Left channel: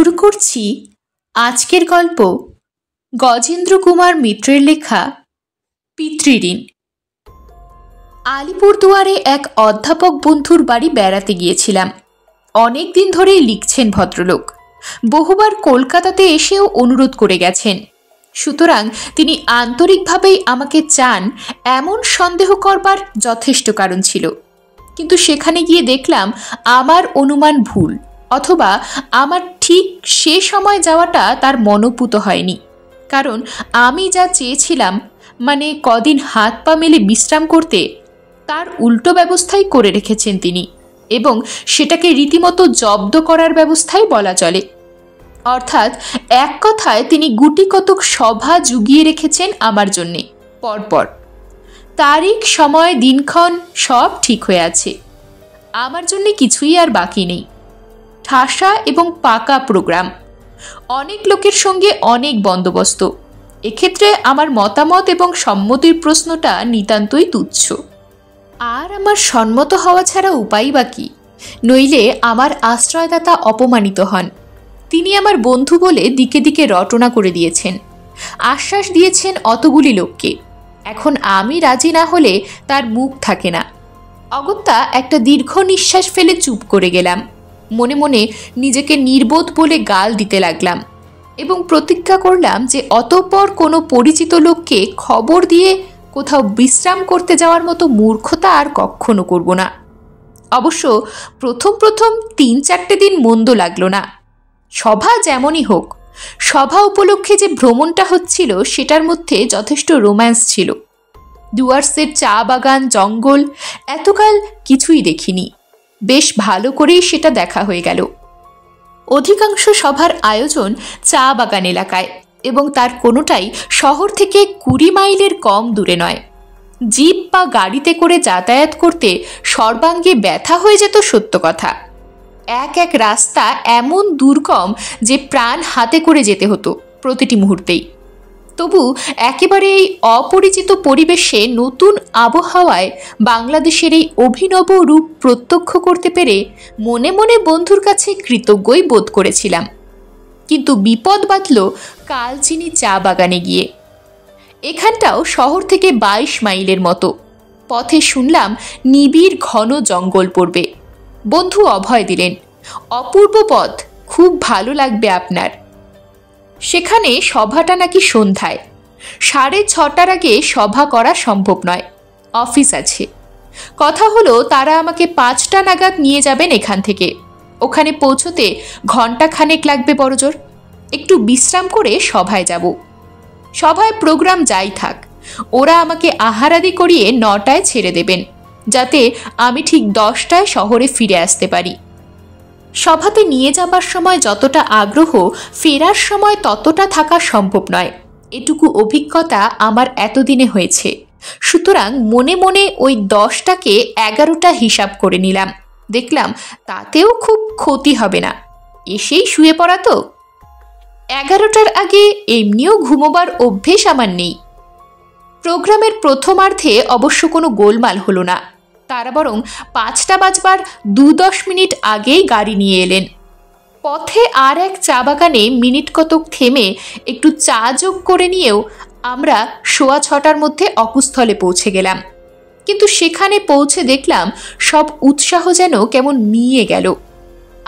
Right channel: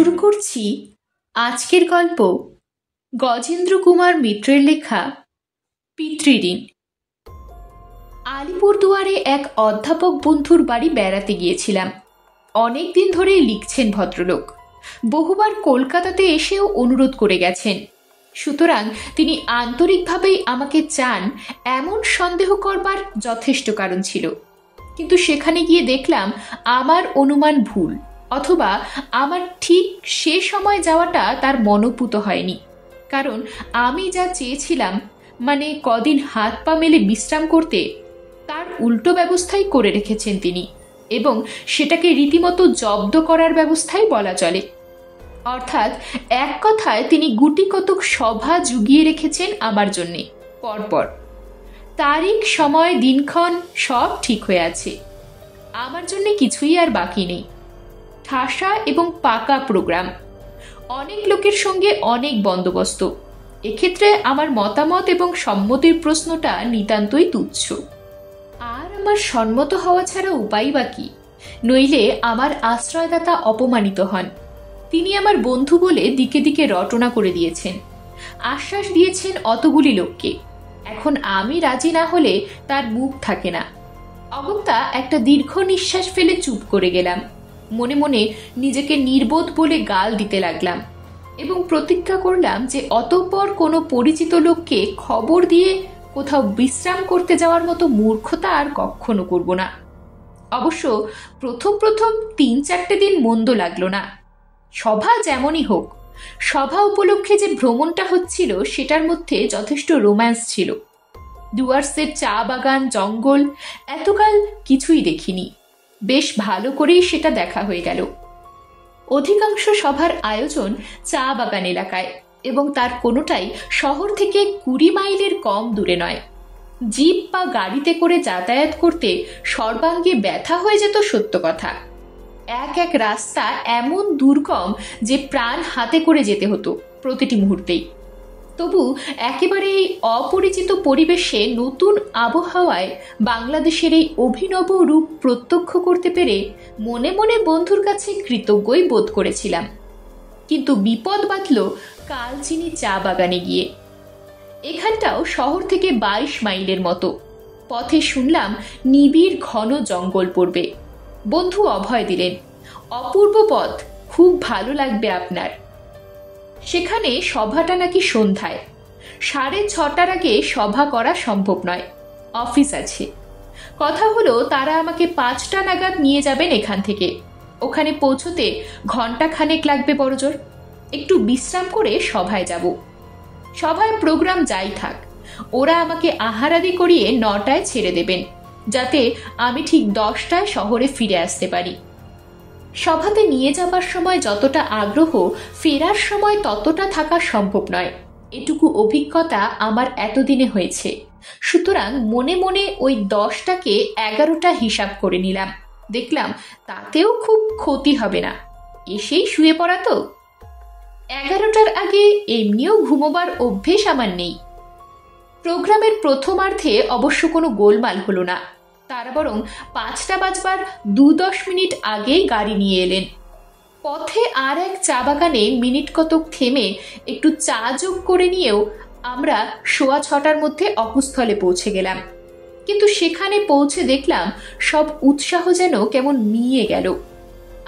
শুরু করছি আজকের গল্প গজেন্দ্র কুমার মিত্রের লেখা পিতৃঋণ। আলিপুরদুয়ারে এক অধ্যাপক বন্ধুর বাড়ি বেড়াতে গিয়েছিলাম। অনেক দিন ধরেই লিখছেন ভদ্রলোক, বহুবার কলকাতাতে এসেও অনুরোধ করে গেছেন। সুতরাং তিনি আন্তরিকভাবেই আমাকে চান এমন সন্দেহ করবার যথেষ্ট কারণ ছিল। কিন্তু সেখানে গিয়ে দেখলাম আমার অনুমান ভুল, অথবা আমার ঠিক সে সময় যাওয়াটা তার মনোপুত হয়নি। কারণ আমি যা চেয়েছিলাম, মানে কদিন হাত পা মেলে বিশ্রাম করতে, তার উল্টো ব্যবস্থাই করে রেখেছেন তিনি, এবং সেটাকে রীতিমতো জব্দ করার ব্যবস্থাই বলা চলে। অর্থাৎ এক কথায় তিনি গুটি কতক সভা জুগিয়ে রেখেছেন আমার জন্যে পরপর। তারিখ, সময়, দিনক্ষণ সব ঠিক হয়ে আছে। আমার জন্যে কিছুই আর বাকি নেই। ঠাসা এবং পাকা প্রোগ্রাম, অনেক লোকের সঙ্গে অনেক বন্দোবস্ত। এক্ষেত্রে আমার মতামত এবং সম্মতির প্রশ্নটা নিতান্তই তুচ্ছ। আর আমার সম্মত হওয়া ছাড়া উপায় বা কি? নইলে আমার আশ্রয়দাতা অপমানিত হন। তিনি আমার বন্ধু বলে দিকে দিকে রটনা করে দিয়েছেন, আশ্বাস দিয়েছেন অতগুলি লোককে। এখন আমি রাজি না হলে তার মুখ থাকে না। অগত্যা একটা দীর্ঘ নিঃশ্বাস ফেলে চুপ করে গেলাম। মনে মনে নিজেকে নির্বোধ বলে গাল দিতে লাগলাম এবং প্রতিজ্ঞা করলাম যে অতঃপর কোনো পরিচিত লোককে খবর দিয়ে কোথাও বিশ্রাম করতে যাওয়ার মতো মূর্খতা আর কখনো করব না। অবশ্য প্রথম 3-4 দিন মন্দ লাগলো না। সভা যেমনই হোক, সভা উপলক্ষে যে ভ্রমণটা হচ্ছিল সেটার মধ্যে যথেষ্ট রোম্যান্স ছিল। ডুয়ার্সের চা বাগান, জঙ্গল এতকাল কিছুই দেখিনি। বেশ ভালো করেই সেটা দেখা হয়ে গেল। অধিকাংশ সভার আয়োজন চা বাগান এলাকায়, এবং তার কোনোটাই শহর থেকে 20 মাইলের কম দূরে নয়। জিপ বা গাড়িতে করে যাতায়াত করতে সর্বাঙ্গে ব্যথা হয়ে যেত সত্য কথা। এক রাস্তা এমন দুর্গম যে প্রাণ হাতে করে যেতে হতো প্রতিটি মুহূর্তেই। তবু একেবারে এই অপরিচিত পরিবেশে, নতুন আবহাওয়ায় বাংলাদেশের এই অভিনব রূপ প্রত্যক্ষ করতে পেরে মনে মনে বন্ধুর কাছে কৃতজ্ঞই বোধ করেছিলাম। কিন্তু বিপদ বাঁধল কালচিনি চা বাগানে গিয়ে। এখানটাও শহর থেকে 22 মাইলের মতো। পথে শুনলাম নিবিড় ঘন জঙ্গল পড়বে। বন্ধু অভয় দিলেন, অপূর্ব পথ, খুব ভালো লাগবে আপনার। সেখানে সভাটা নাকি সন্ধ্যায়। 6:30টার আগে সভা করা সম্ভব নয়, অফিস আছে। কথা হলো তারা আমাকে 5টা নাগাদ নিয়ে যাবেন এখান থেকে। ওখানে পৌঁছতে ঘণ্টাখানেক লাগবে বড়জোর। একটু বিশ্রাম করে সভায় যাব। সভায় প্রোগ্রাম যাই থাক, ওরা আমাকে আহারাদি করিয়ে 9টায় ছেড়ে দেবেন, যাতে আমি ঠিক 10টায় শহরে ফিরে আসতে পারি। সভাতে নিয়ে যাবার সময় যতটা আগ্রহ, ফেরার সময় ততটা থাকা সম্ভব নয়। এটুকু অভিজ্ঞতা আমার এতদিনে হয়েছে। সুতরাং মনে মনে ওই 10টাকে 11টা হিসাব করে নিলাম। দেখলাম তাতেও খুব ক্ষতি হবে না, এসেই শুয়ে পড়া তো। 11টার আগে এমনিও ঘুমোবার অভ্যেস আমার নেই। প্রোগ্রামের প্রথমার্ধে অবশ্য কোনো গোলমাল হলো না। তারা বরং 5টা বাজবার 2-10 মিনিট আগেই গাড়ি নিয়ে এলেন। পথে আর এক চা বাগানে মিনিট কতক থেমে একটু চা যোগ করে নিয়েও আমরা 6:15টার মধ্যে অকুস্থলে পৌঁছে গেলাম। কিন্তু সেখানে পৌঁছে দেখলাম সব উৎসাহ যেন কেমন মিইয়ে গেল।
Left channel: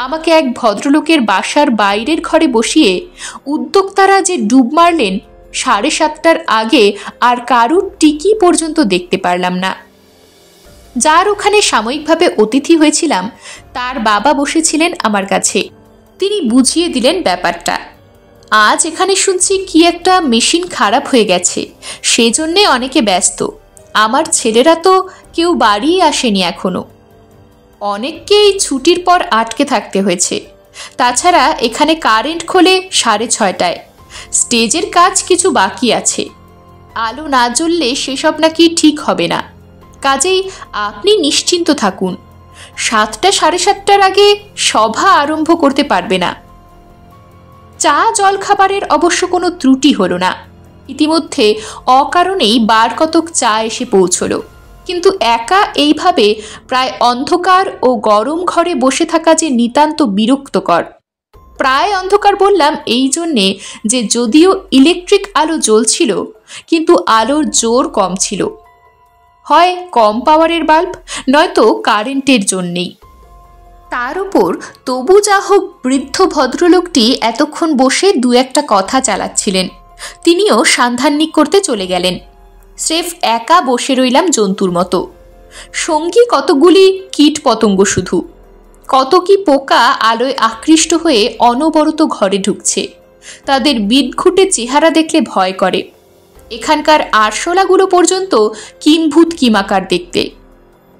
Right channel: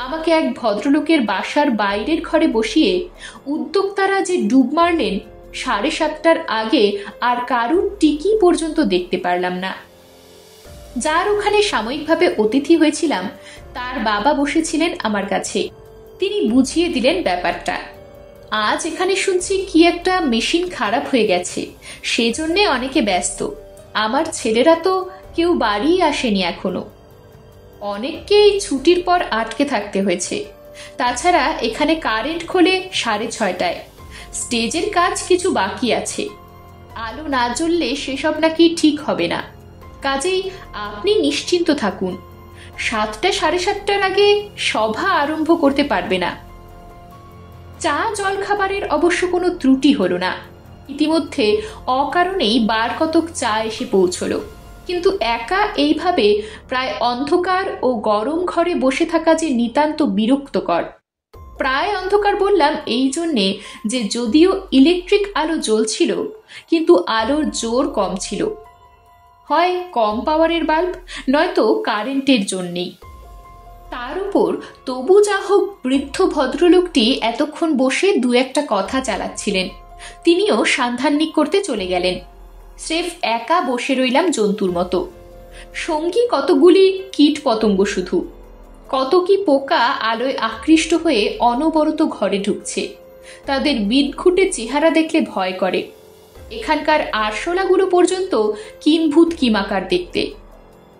আমাকে এক ভদ্রলোকের বাসার বাইরের ঘরে বসিয়ে উদ্যোক্তারা যে ডুব মারলেন, 7:30টার আগে আর কারুর টিকি পর্যন্ত দেখতে পারলাম না। যার ওখানে সাময়িকভাবে অতিথি হয়েছিলাম, তার বাবা বসেছিলেন আমার কাছে। তিনি বুঝিয়ে দিলেন ব্যাপারটা। আজ এখানে শুনছি কি একটা মেশিন খারাপ হয়ে গেছে, সেজন্যে অনেকে ব্যস্ত। আমার ছেলেরা তো কেউ বাড়িই আসেনি এখনো। অনেককেই ছুটির পর আটকে থাকতে হয়েছে। তাছাড়া এখানে কারেন্ট খোলে 6:30টায়। স্টেজের কাজ কিছু বাকি আছে। আলো না জ্বললে সেসব নাকি ঠিক হবে না। কাজেই আপনি নিশ্চিন্ত থাকুন, 7টা 7:30টার আগে সভা আরম্ভ করতে পারবে না। চা জলখাবারের অবশ্য কোনো ত্রুটি হলো না। ইতিমধ্যে অকারণেই বার কতক চা এসে পৌঁছল। কিন্তু একা এইভাবে প্রায় অন্ধকার ও গরম ঘরে বসে থাকা যে নিতান্ত বিরক্তকর। প্রায় অন্ধকার বললাম এই জন্যে যে যদিও ইলেকট্রিক আলো জ্বলছিল, কিন্তু আলোর জোর কম ছিল। হয় কম পাওয়ারের বাল্ব, নয়তো কারেন্টের জন্যেই। তার উপর তবু যা হোক বৃদ্ধ ভদ্রলোকটি এতক্ষণ বসে দু একটা কথা চালাচ্ছিলেন। তিনিও সান্ধান্নিক করতে চলে গেলেন। স্রেফ একা বসে রইলাম জন্তুর মতো। সঙ্গী কতগুলি কীট পতঙ্গ, শুধু কত কি পোকা আলোয় আকৃষ্ট হয়ে অনবরত ঘরে ঢুকছে। তাদের বিদঘুটে চেহারা দেখলে ভয় করে। এখানকার আরশোলাগুলো পর্যন্ত কিম্ভূত কিমাকার দেখতে।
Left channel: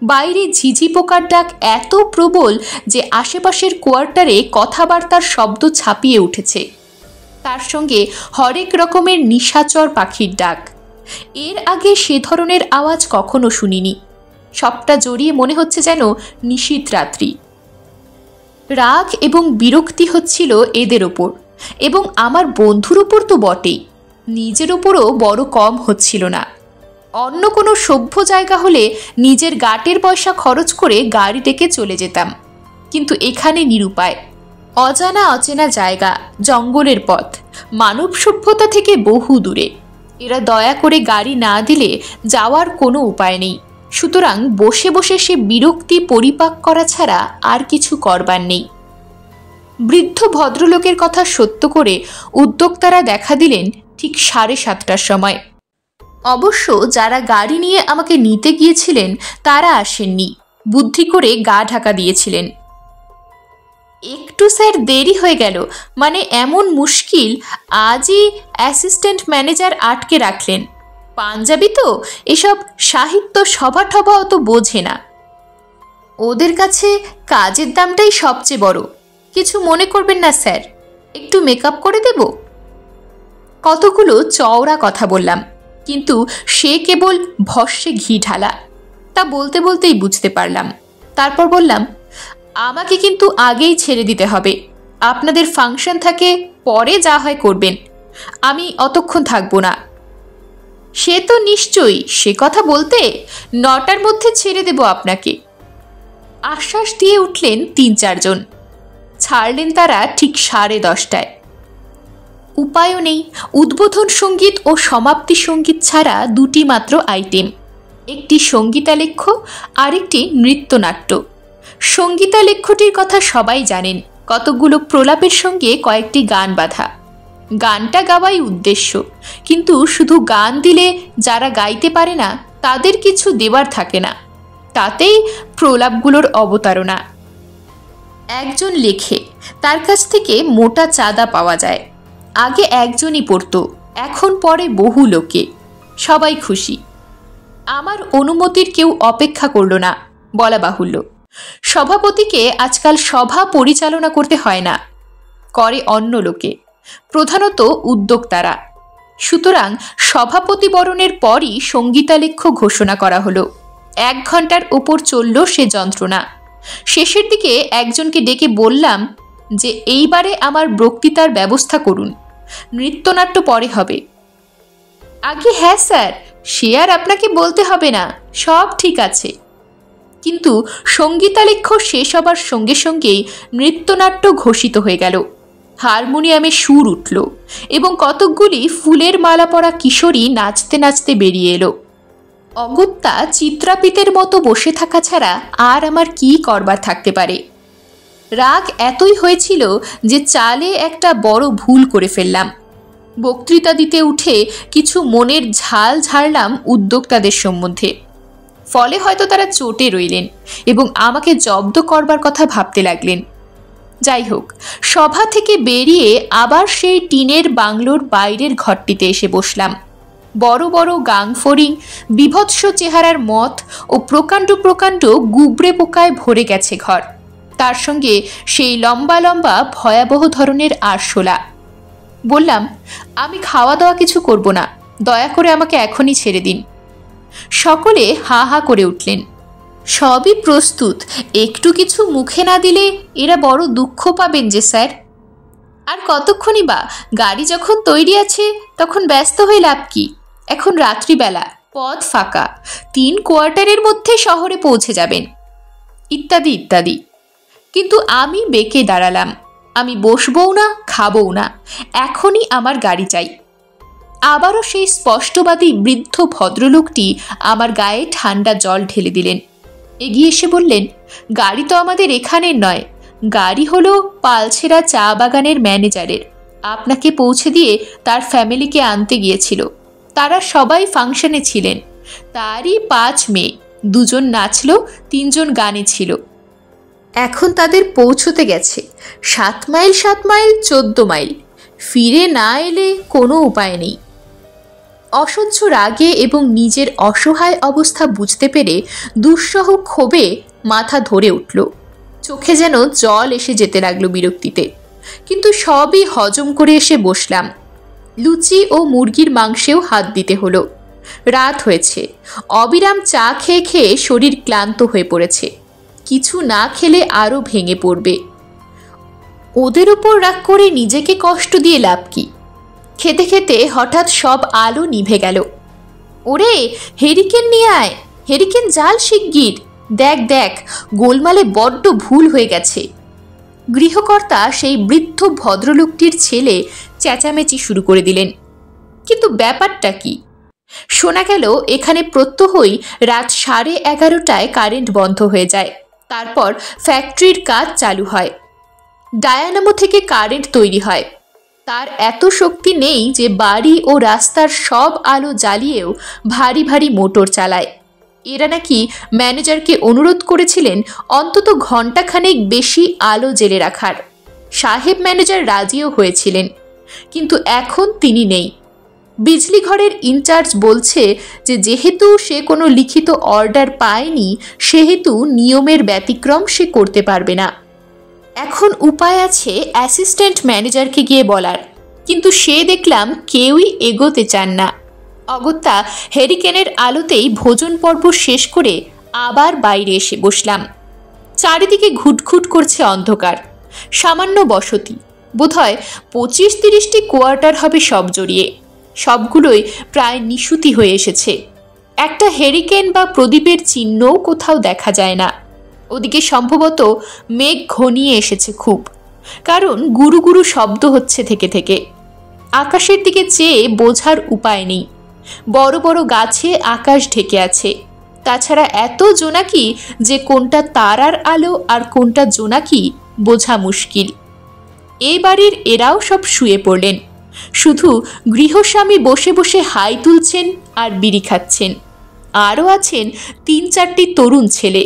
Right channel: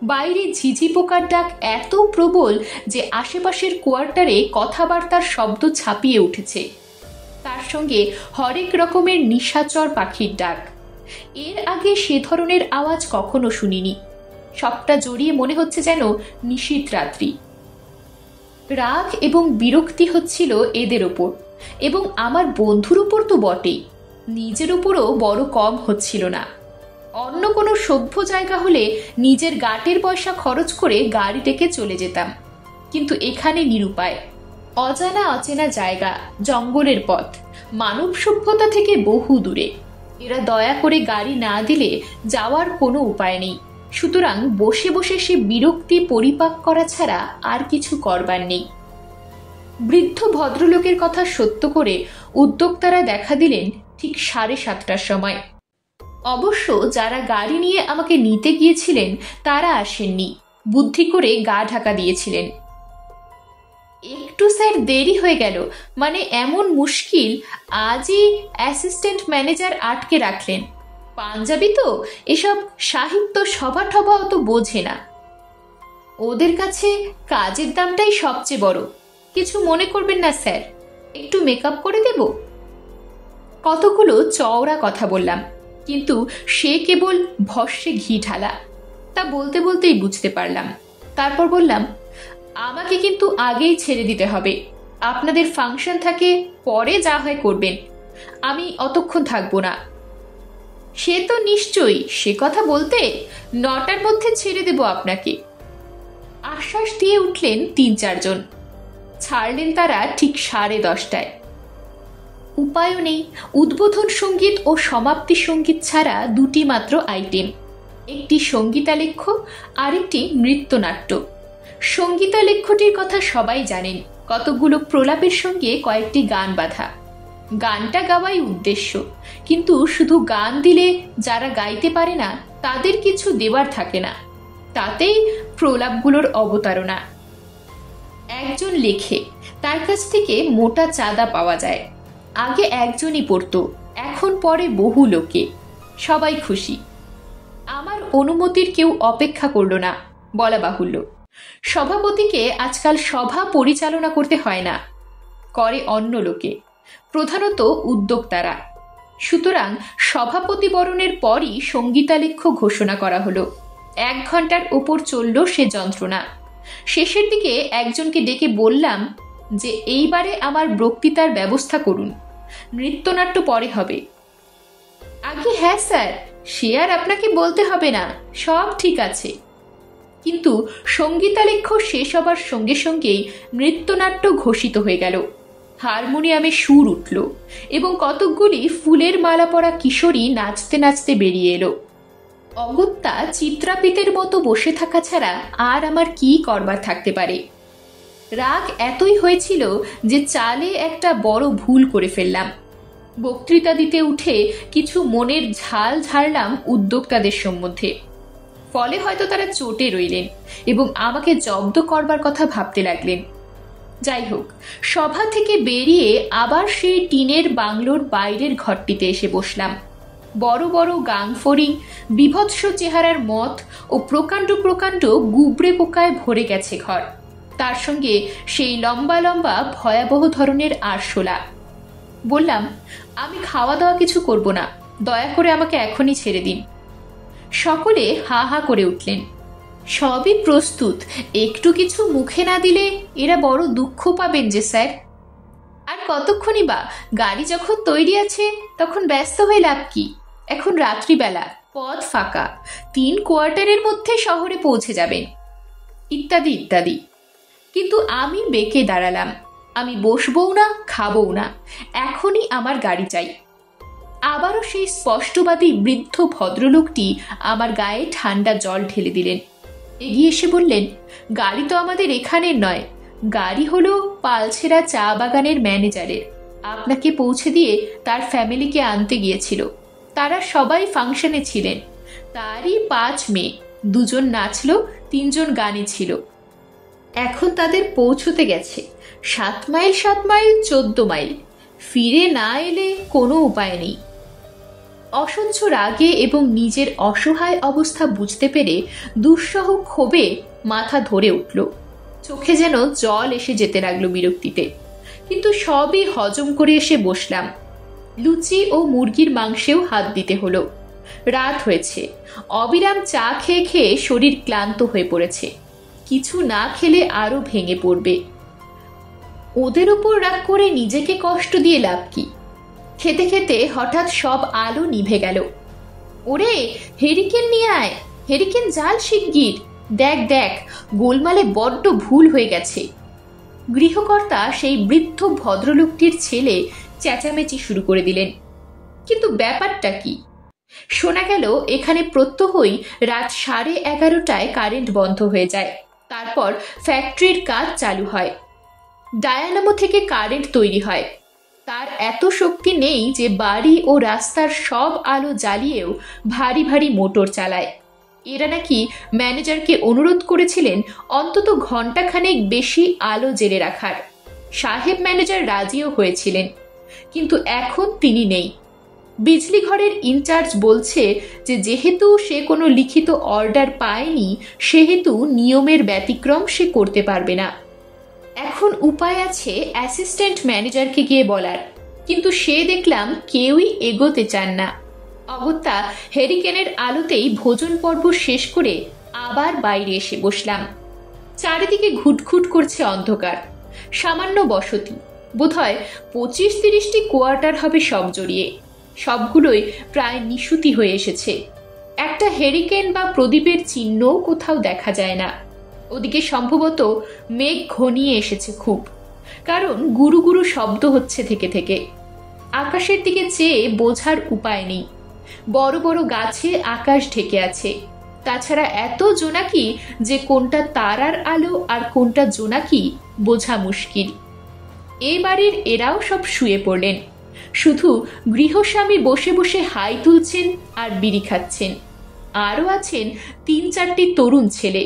বাইরে ঝিঝি পোকার ডাক এত প্রবল যে আশেপাশের কোয়ার্টারে কথাবার্তার শব্দ ছাপিয়ে উঠেছে। তার সঙ্গে হরেক রকমের নিশাচর পাখির ডাক। এর আগে সে ধরনের আওয়াজ কখনো শুনিনি। সবটা জড়িয়ে মনে হচ্ছে যেন নিশীথ রাত্রি। রাগ এবং বিরক্তি হচ্ছিল এদের ওপর, এবং আমার বন্ধুর ওপর তো বটেই। নিজের ওপরও বড় কম হচ্ছিল না। অন্য কোনো সভ্য জায়গা হলে নিজের গাটের পয়সা খরচ করে গাড়ি ডেকে চলে যেতাম, কিন্তু এখানে নিরুপায়। অজানা অচেনা জায়গা, জঙ্গলের পথ, মানব সভ্যতা থেকে বহু দূরে। এরা দয়া করে গাড়ি না দিলে যাওয়ার কোনো উপায় নেই। সুতরাং বসে বসে সে বিরক্তি পরিপাক করা ছাড়া আর কিছু করবার নেই। বৃদ্ধ ভদ্রলোকের কথা সত্য করে উদ্যোক্তারা দেখা দিলেন ঠিক 7:30টার সময়। অবশ্য যারা গাড়ি নিয়ে আমাকে নিতে গিয়েছিলেন তারা আসেননি, বুদ্ধি করে গা ঢাকা দিয়েছিলেন। একটু স্যার দেরি হয়ে গেল, মানে এমন মুশকিল, আজই অ্যাসিস্ট্যান্ট ম্যানেজার আটকে রাখলেন। পাঞ্জাবি তো, এসব সাহিত্য সভা টভা অত বোঝে না। ওদের কাছে কাজের দামটাই সবচেয়ে বড়। কিছু মনে করবেন না স্যার, একটু মেকআপ করে দেব। কতগুলো চওড়া কথা বললাম, কিন্তু সে কেবল ভস্যে ঘি ঢালা। তা বলতে বলতেই বুঝতে পারলাম। তারপর বললাম, আমাকে কিন্তু আগেই ছেড়ে দিতে হবে। আপনাদের ফাংশন থাকে, পরে যা হয় করবেন, আমি অতক্ষণ থাকবো না। সে তো নিশ্চয়ই, সে কথা বলতে 9টার মধ্যে ছেড়ে দেব আপনাকে। আশ্বাস দিয়ে উঠলেন 3-4 জন। ছাড়লেন তারা ঠিক 10:30টায়। উপায়ও নেই। উদ্বোধন সঙ্গীত ও সমাপ্তি সঙ্গীত ছাড়া 2টি মাত্র আইটেম, একটি সঙ্গীতালেখ্য, আরেকটি নৃত্যনাট্য। সঙ্গীতালেখ্যটির কথা সবাই জানেন, কতগুলো প্রলাপের সঙ্গে কয়েকটি গান বাঁধা। গানটা গাওয়াই উদ্দেশ্য, কিন্তু শুধু গান দিলে যারা গাইতে পারে না তাদের কিছু দেবার থাকে না। তাতেই প্রলাপগুলোর অবতারণা। একজন লেখে, তার কাছ থেকে মোটা চাঁদা পাওয়া যায়। আগে একজনই পড়তো, এখন পড়ে বহু লোকে। সবাই খুশি। আমার অনুমতির কেউ অপেক্ষা করল না, বলা বাহুল্য। সভাপতিকে আজকাল সভা পরিচালনা করতে হয় না, করে অন্য লোকে, প্রধানত উদ্যোক্তারা। সুতরাং সভাপতি বরণের পরই সঙ্গীতালেখ্য ঘোষণা করা হলো। 1 ঘন্টার ওপর চলল সে যন্ত্রণা। শেষের দিকে একজনকে ডেকে বললাম যে এইবারে আমার বক্তৃতার ব্যবস্থা করুন, নৃত্যনাট্য পরে হবে। আগে হ্যাঁ স্যার, সে আর আপনাকে বলতে হবে না, সব ঠিক আছে। কিন্তু সঙ্গীতালেখ্য শেষ হবার সঙ্গে সঙ্গেই নৃত্যনাট্য ঘোষিত হয়ে গেল। হারমোনিয়ামে সুর উঠল এবং কতকগুলি ফুলের মালা পরা কিশোরী নাচতে নাচতে বেরিয়ে এলো। অগত্যা চিত্রাপিতের মতো বসে থাকা ছাড়া আর আমার কি করবার থাকতে পারে। রাগ এতই হয়েছিল যে চালে একটা বড় ভুল করে ফেললাম। বক্তৃতা দিতে উঠে কিছু মনের ঝাল ঝাড়লাম উদ্যোক্তাদের সম্বন্ধে। ফলে হয়তো তারা চটে রইলেন এবং আমাকে জব্দ করবার কথা ভাবতে লাগলেন। যাই হোক, সভা থেকে বেরিয়ে আবার সেই টিনের বাংলোর বাইরের ঘরটিতে এসে বসলাম। বড় বড় গাংফড়িং, বিভৎস চেহারার মথ ও প্রকাণ্ড প্রকাণ্ড গুবরে পোকায় ভরে গেছে ঘর। তার সঙ্গে সেই লম্বা লম্বা ভয়াবহ ধরনের আরশোলা। বললাম, আমি খাওয়া দাওয়া কিছু করব না, দয়া করে আমাকে এখনই ছেড়ে দিন। সকলে হা হা করে উঠলেন। সবই প্রস্তুত, একটু কিছু মুখে না দিলে এরা বড় দুঃখ পাবেন যে স্যার। আর কতক্ষণই বা, গাড়ি যখন তৈরি আছে তখন ব্যস্ত হয়ে লাভ কি? এখন রাত্রিবেলা, পথ ফাঁকা, 3 কোয়ার্টারের মধ্যে শহরে পৌঁছে যাবেন, ইত্যাদি ইত্যাদি। কিন্তু আমি বেঁকে দাঁড়ালাম। আমি বসবও না, খাবও না, এখনই আমার গাড়ি চাই। আবারও সেই স্পষ্টবাদী বৃদ্ধ ভদ্রলোকটি আমার গায়ে ঠান্ডা জল ঢেলে দিলেন। এগিয়ে এসে বললেন, গাড়ি তো আমাদের এখানের নয়, গাড়ি হলো পালছেরা চা বাগানের ম্যানেজারের। আপনাকে পৌঁছে দিয়ে তার ফ্যামিলিকে আনতে গিয়েছিল। তারা সবাই ফাংশনে ছিলেন। তারই 5 মেয়ে, 2 জন নাচল, 3 জন গানে ছিল। এখন তাদের পৌঁছতে গেছে 7 মাইল 7 মাইল 14 মাইল। ফিরে না এলে কোনো উপায় নেই। অসহ্য রাগে এবং নিজের অসহায় অবস্থা বুঝতে পেরে দুঃসহ ক্ষোভে মাথা ধরে উঠল। চোখে যেন জল এসে যেতে লাগলো বিরক্তিতে। কিন্তু সবই হজম করে এসে বসলাম। লুচি ও মুরগির মাংসেও হাত দিতে হলো। রাত হয়েছে। অবিরাম চা খেয়ে খেয়ে শরীর ক্লান্ত হয়ে পড়েছে। কিছু না খেলে আরও ভেঙে পড়বে। ওদের উপর রাগ করে নিজেকে কষ্ট দিয়ে লাভ কি? খেতে খেতে হঠাৎ সব আলো নিভে গেল। ওরে, হেরিকেন নিয়ে আয়, হেরিকেন জাল শিগগির। দেখ দেখ, গোলমালে বড্ড ভুল হয়ে গেছে। গৃহকর্তা সেই বৃদ্ধ ভদ্রলোকটির ছেলে চেঁচামেচি শুরু করে দিলেন। কিন্তু ব্যাপারটা কি? শোনা গেল এখানে প্রত্যহই রাত 11:30টায় কারেন্ট বন্ধ হয়ে যায়। তারপর ফ্যাক্টরির কাজ চালু হয়। ডায়ানামো থেকে কারেন্ট তৈরি হয়। তার এত শক্তি নেই যে বাড়ি ও রাস্তার সব আলো জ্বালিয়েও ভারী ভারী মোটর চালায়। এরা নাকি ম্যানেজারকে অনুরোধ করেছিলেন অন্তত ঘণ্টাখানেক বেশি আলো জ্বেলে রাখার। সাহেব ম্যানেজার রাজিও হয়েছিলেন, কিন্তু এখন তিনি নেই। বিজলি ঘরের ইনচার্জ বলছে যে যেহেতু সে কোনো লিখিত অর্ডার পায়নি, সেহেতু নিয়মের ব্যতিক্রম সে করতে পারবে না। এখন উপায় আছে অ্যাসিস্ট্যান্ট ম্যানেজারকে গিয়ে বলার, কিন্তু সে দেখলাম কেউই এগোতে চান না। অগত্যা হেরিকেনের আলোতেই ভোজন পর্ব শেষ করে আবার বাইরে এসে বসলাম। চারিদিকে ঘুটঘুট করছে অন্ধকার। সামান্য বসতি, বোধহয় 25-30টি কোয়ার্টার হবে সব জড়িয়ে। সবগুলোই প্রায় নিশুতি হয়ে এসেছে। একটা হেরিকেন বা প্রদীপের চিহ্নও কোথাও দেখা যায় না। ওদিকে সম্ভবত মেঘ ঘনিয়ে এসেছে খুব, কারণ গুরু গুরু শব্দ হচ্ছে থেকে থেকে। আকাশের দিকে চেয়ে বোঝার উপায় নেই। বড় বড় গাছে আকাশ ঢেকে আছে। তাছাড়া এত জোনাকি যে কোনটা তারার আলো আর কোনটা জোনাকি বোঝা মুশকিল। এই বাড়ির এরাও সব শুয়ে পড়লেন। শুধু গৃহস্বামী বসে বসে হাই তুলছেন আর বিড়ি খাচ্ছেন। আরও আছেন 3-4টি তরুণ ছেলে।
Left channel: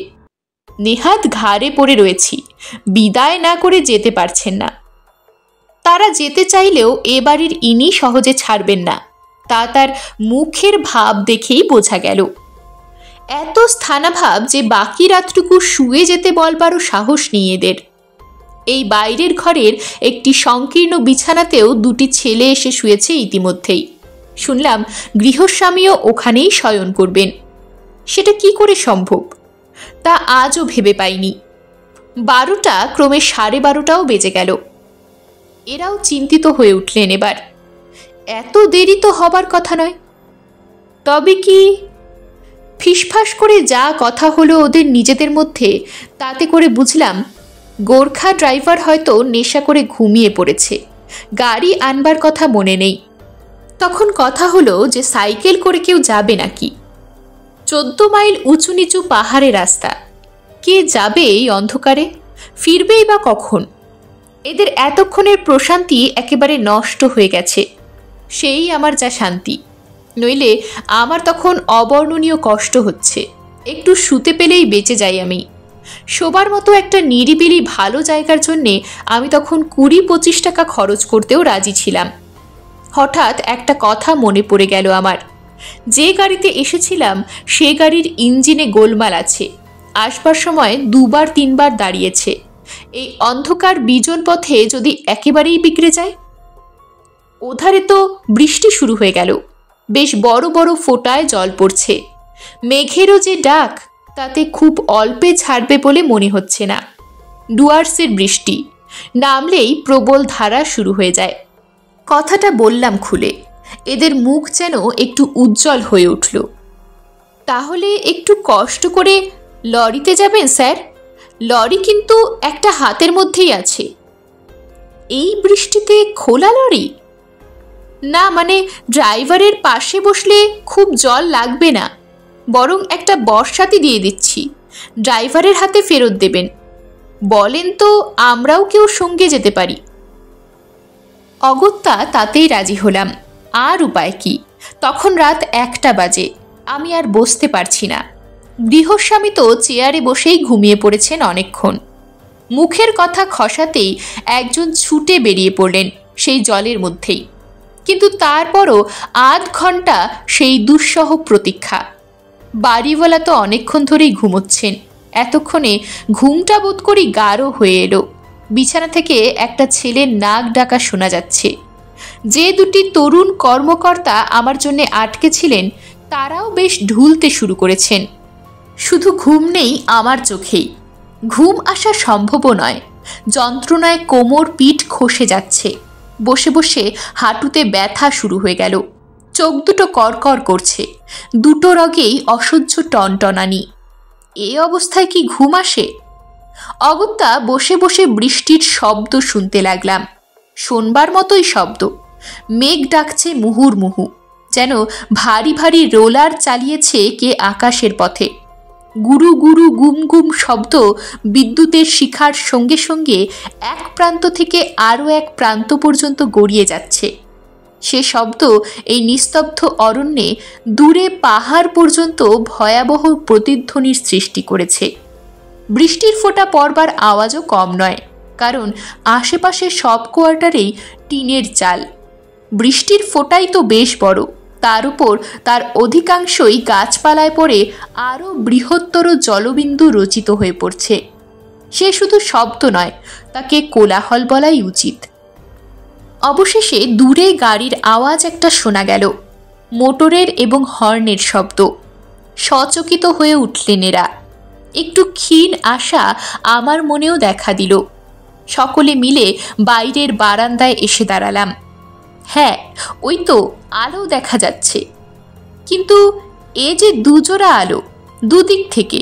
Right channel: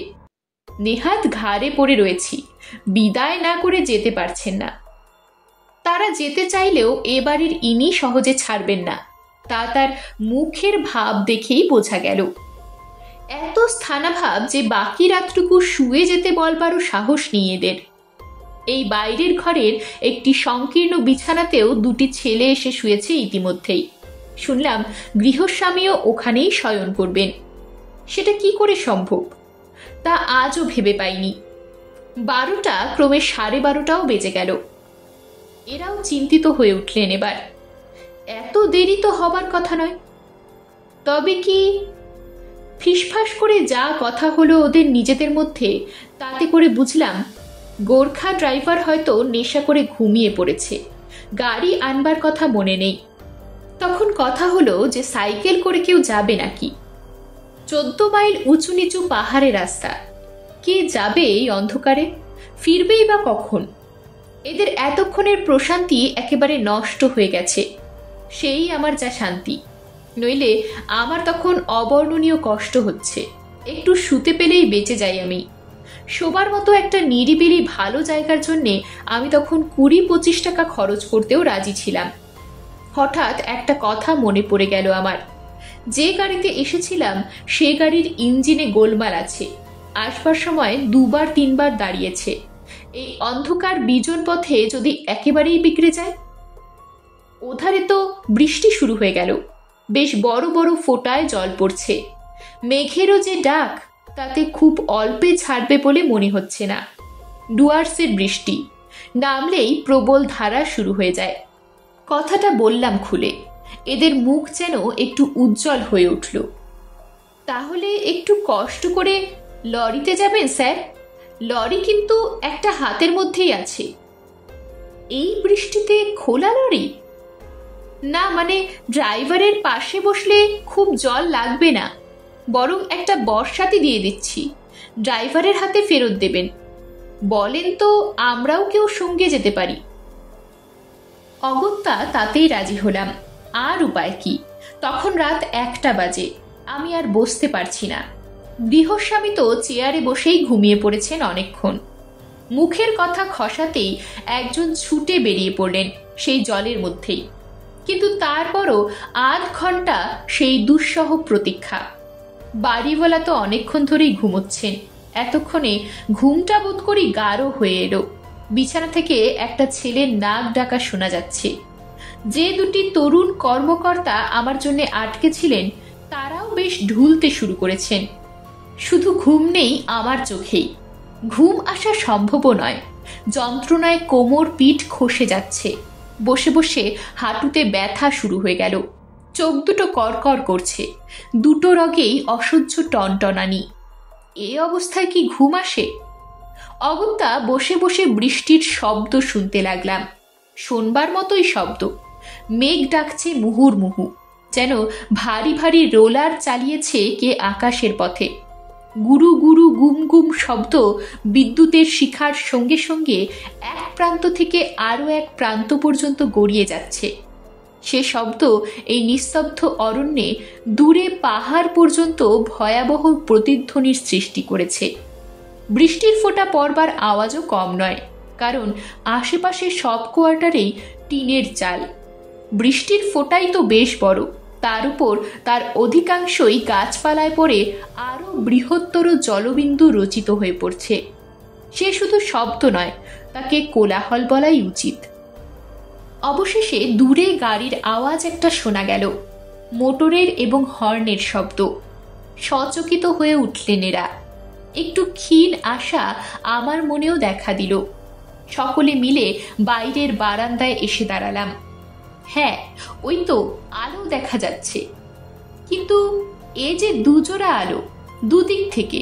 নেহাত ঘাড়ে পড়ে রয়েছি, বিদায় না করে যেতে পারছেন না। তারা যেতে চাইলেও এ বাড়ির ইনি সহজে ছাড়বেন না, তা তার মুখের ভাব দেখেই বোঝা গেল। এত স্থানাভাব যে বাকি রাতটুকু শুয়ে যেতে বলবারও সাহস নেই এদের। এই বাইরের ঘরের একটি সংকীর্ণ বিছানাতেও 2টি ছেলে এসে শুয়েছে ইতিমধ্যেই। শুনলাম গৃহস্বামীও ওখানেই শয়ন করবেন। সেটা কি করে সম্ভব তা আজও ভেবে পাইনি। 12টা ক্রমে 12:30টাও বেজে গেল। এরাও চিন্তিত হয়ে উঠলেন এবার। এত দেরি তো হবার কথা নয়। তবে কি? ফিসফাস করে যা কথা হলো ওদের নিজেদের মধ্যে, তাতে করে বুঝলাম গোর্খা ড্রাইভার হয়তো নেশা করে ঘুমিয়ে পড়েছে, গাড়ি আনবার কথা মনে নেই। তখন কথা হলো যে সাইকেল করে কেউ যাবে নাকি। 14 মাইল উঁচু নিচু পাহাড়ে রাস্তা, কে যাবে এই অন্ধকারে? ফিরবেই বা কখন? এদের এতক্ষণের প্রশান্তি একেবারে নষ্ট হয়ে গেছে। সেই আমার যা শান্তি, নইলে আমার তখন অবর্ণনীয় কষ্ট হচ্ছে। একটু শুতে পেলেই বেঁচে যাই আমি। শোবার মতো একটা নিরিবিলি ভালো জায়গার জন্যে আমি তখন 20-25 টাকা খরচ করতেও রাজি ছিলাম। হঠাৎ একটা কথা মনে পড়ে গেল আমার। যে গাড়িতে এসেছিলাম সে গাড়ির ইঞ্জিনে গোলমাল আছে। আসবার সময় 2-3বার দাঁড়িয়েছে। এই অন্ধকার বিজন পথে যদি একেবারেই বিগড়ে যায়। ওধারে তো বৃষ্টি শুরু হয়ে গেল। বেশ বড় বড় ফোঁটায় জল পড়ছে। মেঘেরও যে ডাক, তাতে খুব অল্পে ছাড়বে বলে মনে হচ্ছে না। ডুয়ার্সের বৃষ্টি নামলেই প্রবল ধারা শুরু হয়ে যায়। কথাটা বললাম খুলে। এদের মুখ যেন একটু উজ্জ্বল হয়ে উঠল। তাহলে একটু কষ্ট করে লরিতে যাবেন স্যার? লরি কিন্তু একটা হাতের মধ্যেই আছে। এই বৃষ্টিতে খোলা লরি? না, মানে ড্রাইভারের পাশে বসলে খুব জল লাগবে না, বরং একটা বর্ষাতি দিয়ে দিচ্ছি, ড্রাইভারের হাতে ফেরত দেবেন। বলেন তো আমরাও কেউ সঙ্গে যেতে পারি। অগত্যা তাতেই রাজি হলাম। আর উপায় কি? তখন রাত 1টা বাজে। আমি আর বসতে পারছি না। গৃহস্বামী তো চেয়ারে বসেই ঘুমিয়ে পড়েছেন অনেকক্ষণ। মুখের কথা খসাতেই একজন ছুটে বেরিয়ে পড়লেন সেই জলের মধ্যেই। কিন্তু তারপরও আধ ঘন্টা সেই দুঃসহ প্রতীক্ষা। বাড়িওয়ালা তো অনেকক্ষণ ধরেই ঘুমোচ্ছেন। এতক্ষণে ঘুমটা বোধ করি গাঢ় হয়ে এলো। বিছানা থেকে একটা ছেলের নাক ডাকা শোনা যাচ্ছে। যে দুটি তরুণ কর্মকর্তা আমার জন্য আটকে ছিলেন তারাও বেশ ঢুলতে শুরু করেছেন। শুধু ঘুম নেই আমার চোখেই, ঘুম আসা সম্ভবও নয়। যন্ত্রণায় কোমর পিঠ খসে যাচ্ছে। বসে বসে হাঁটুতে ব্যথা শুরু হয়ে গেল। চোখ দুটো করকর করছে। দুটো রগেই অসহ্য টনটনানি। এ অবস্থায় কি ঘুম আসে? অগত্যা বসে বসে বৃষ্টির শব্দ শুনতে লাগলাম। শোনবার মতোই শব্দ। মেঘ ডাকছে মুহুর্মুহু, যেন ভারী ভারী রোলার চালিয়েছে কে আকাশের পথে। গুরু গুরু গুম গুম শব্দ বিদ্যুতের শিখার সঙ্গে সঙ্গে এক প্রান্ত থেকে আরও এক প্রান্ত পর্যন্ত গড়িয়ে যাচ্ছে। সে শব্দ এই নিস্তব্ধ অরণ্যে দূরে পাহাড় পর্যন্ত ভয়াবহ প্রতিধ্বনির সৃষ্টি করেছে। বৃষ্টির ফোঁটা পড়বার আওয়াজও কম নয়, কারণ আশেপাশে সব কোয়ার্টারেই টিনের চাল। বৃষ্টির ফোঁটাই তো বেশ বড়, তার উপর তার অধিকাংশই গাছপালায় পড়ে আরও বৃহত্তর জলবিন্দু রচিত হয়ে পড়ছে। সে শুধু শব্দ নয়, তাকে কোলাহল বলাই উচিত। অবশেষে দূরে গাড়ির আওয়াজ একটা শোনা গেল, মোটরের এবং হর্নের শব্দ। সচকিত হয়ে উঠলেন এরা। একটু ক্ষীণ আশা আমার মনেও দেখা দিল। সকলে মিলে বাইরের বারান্দায় এসে দাঁড়ালাম। হ্যাঁ, ওই তো আলো দেখা যাচ্ছে, কিন্তু এ যে দুজোড়া আলো, দুদিক থেকে।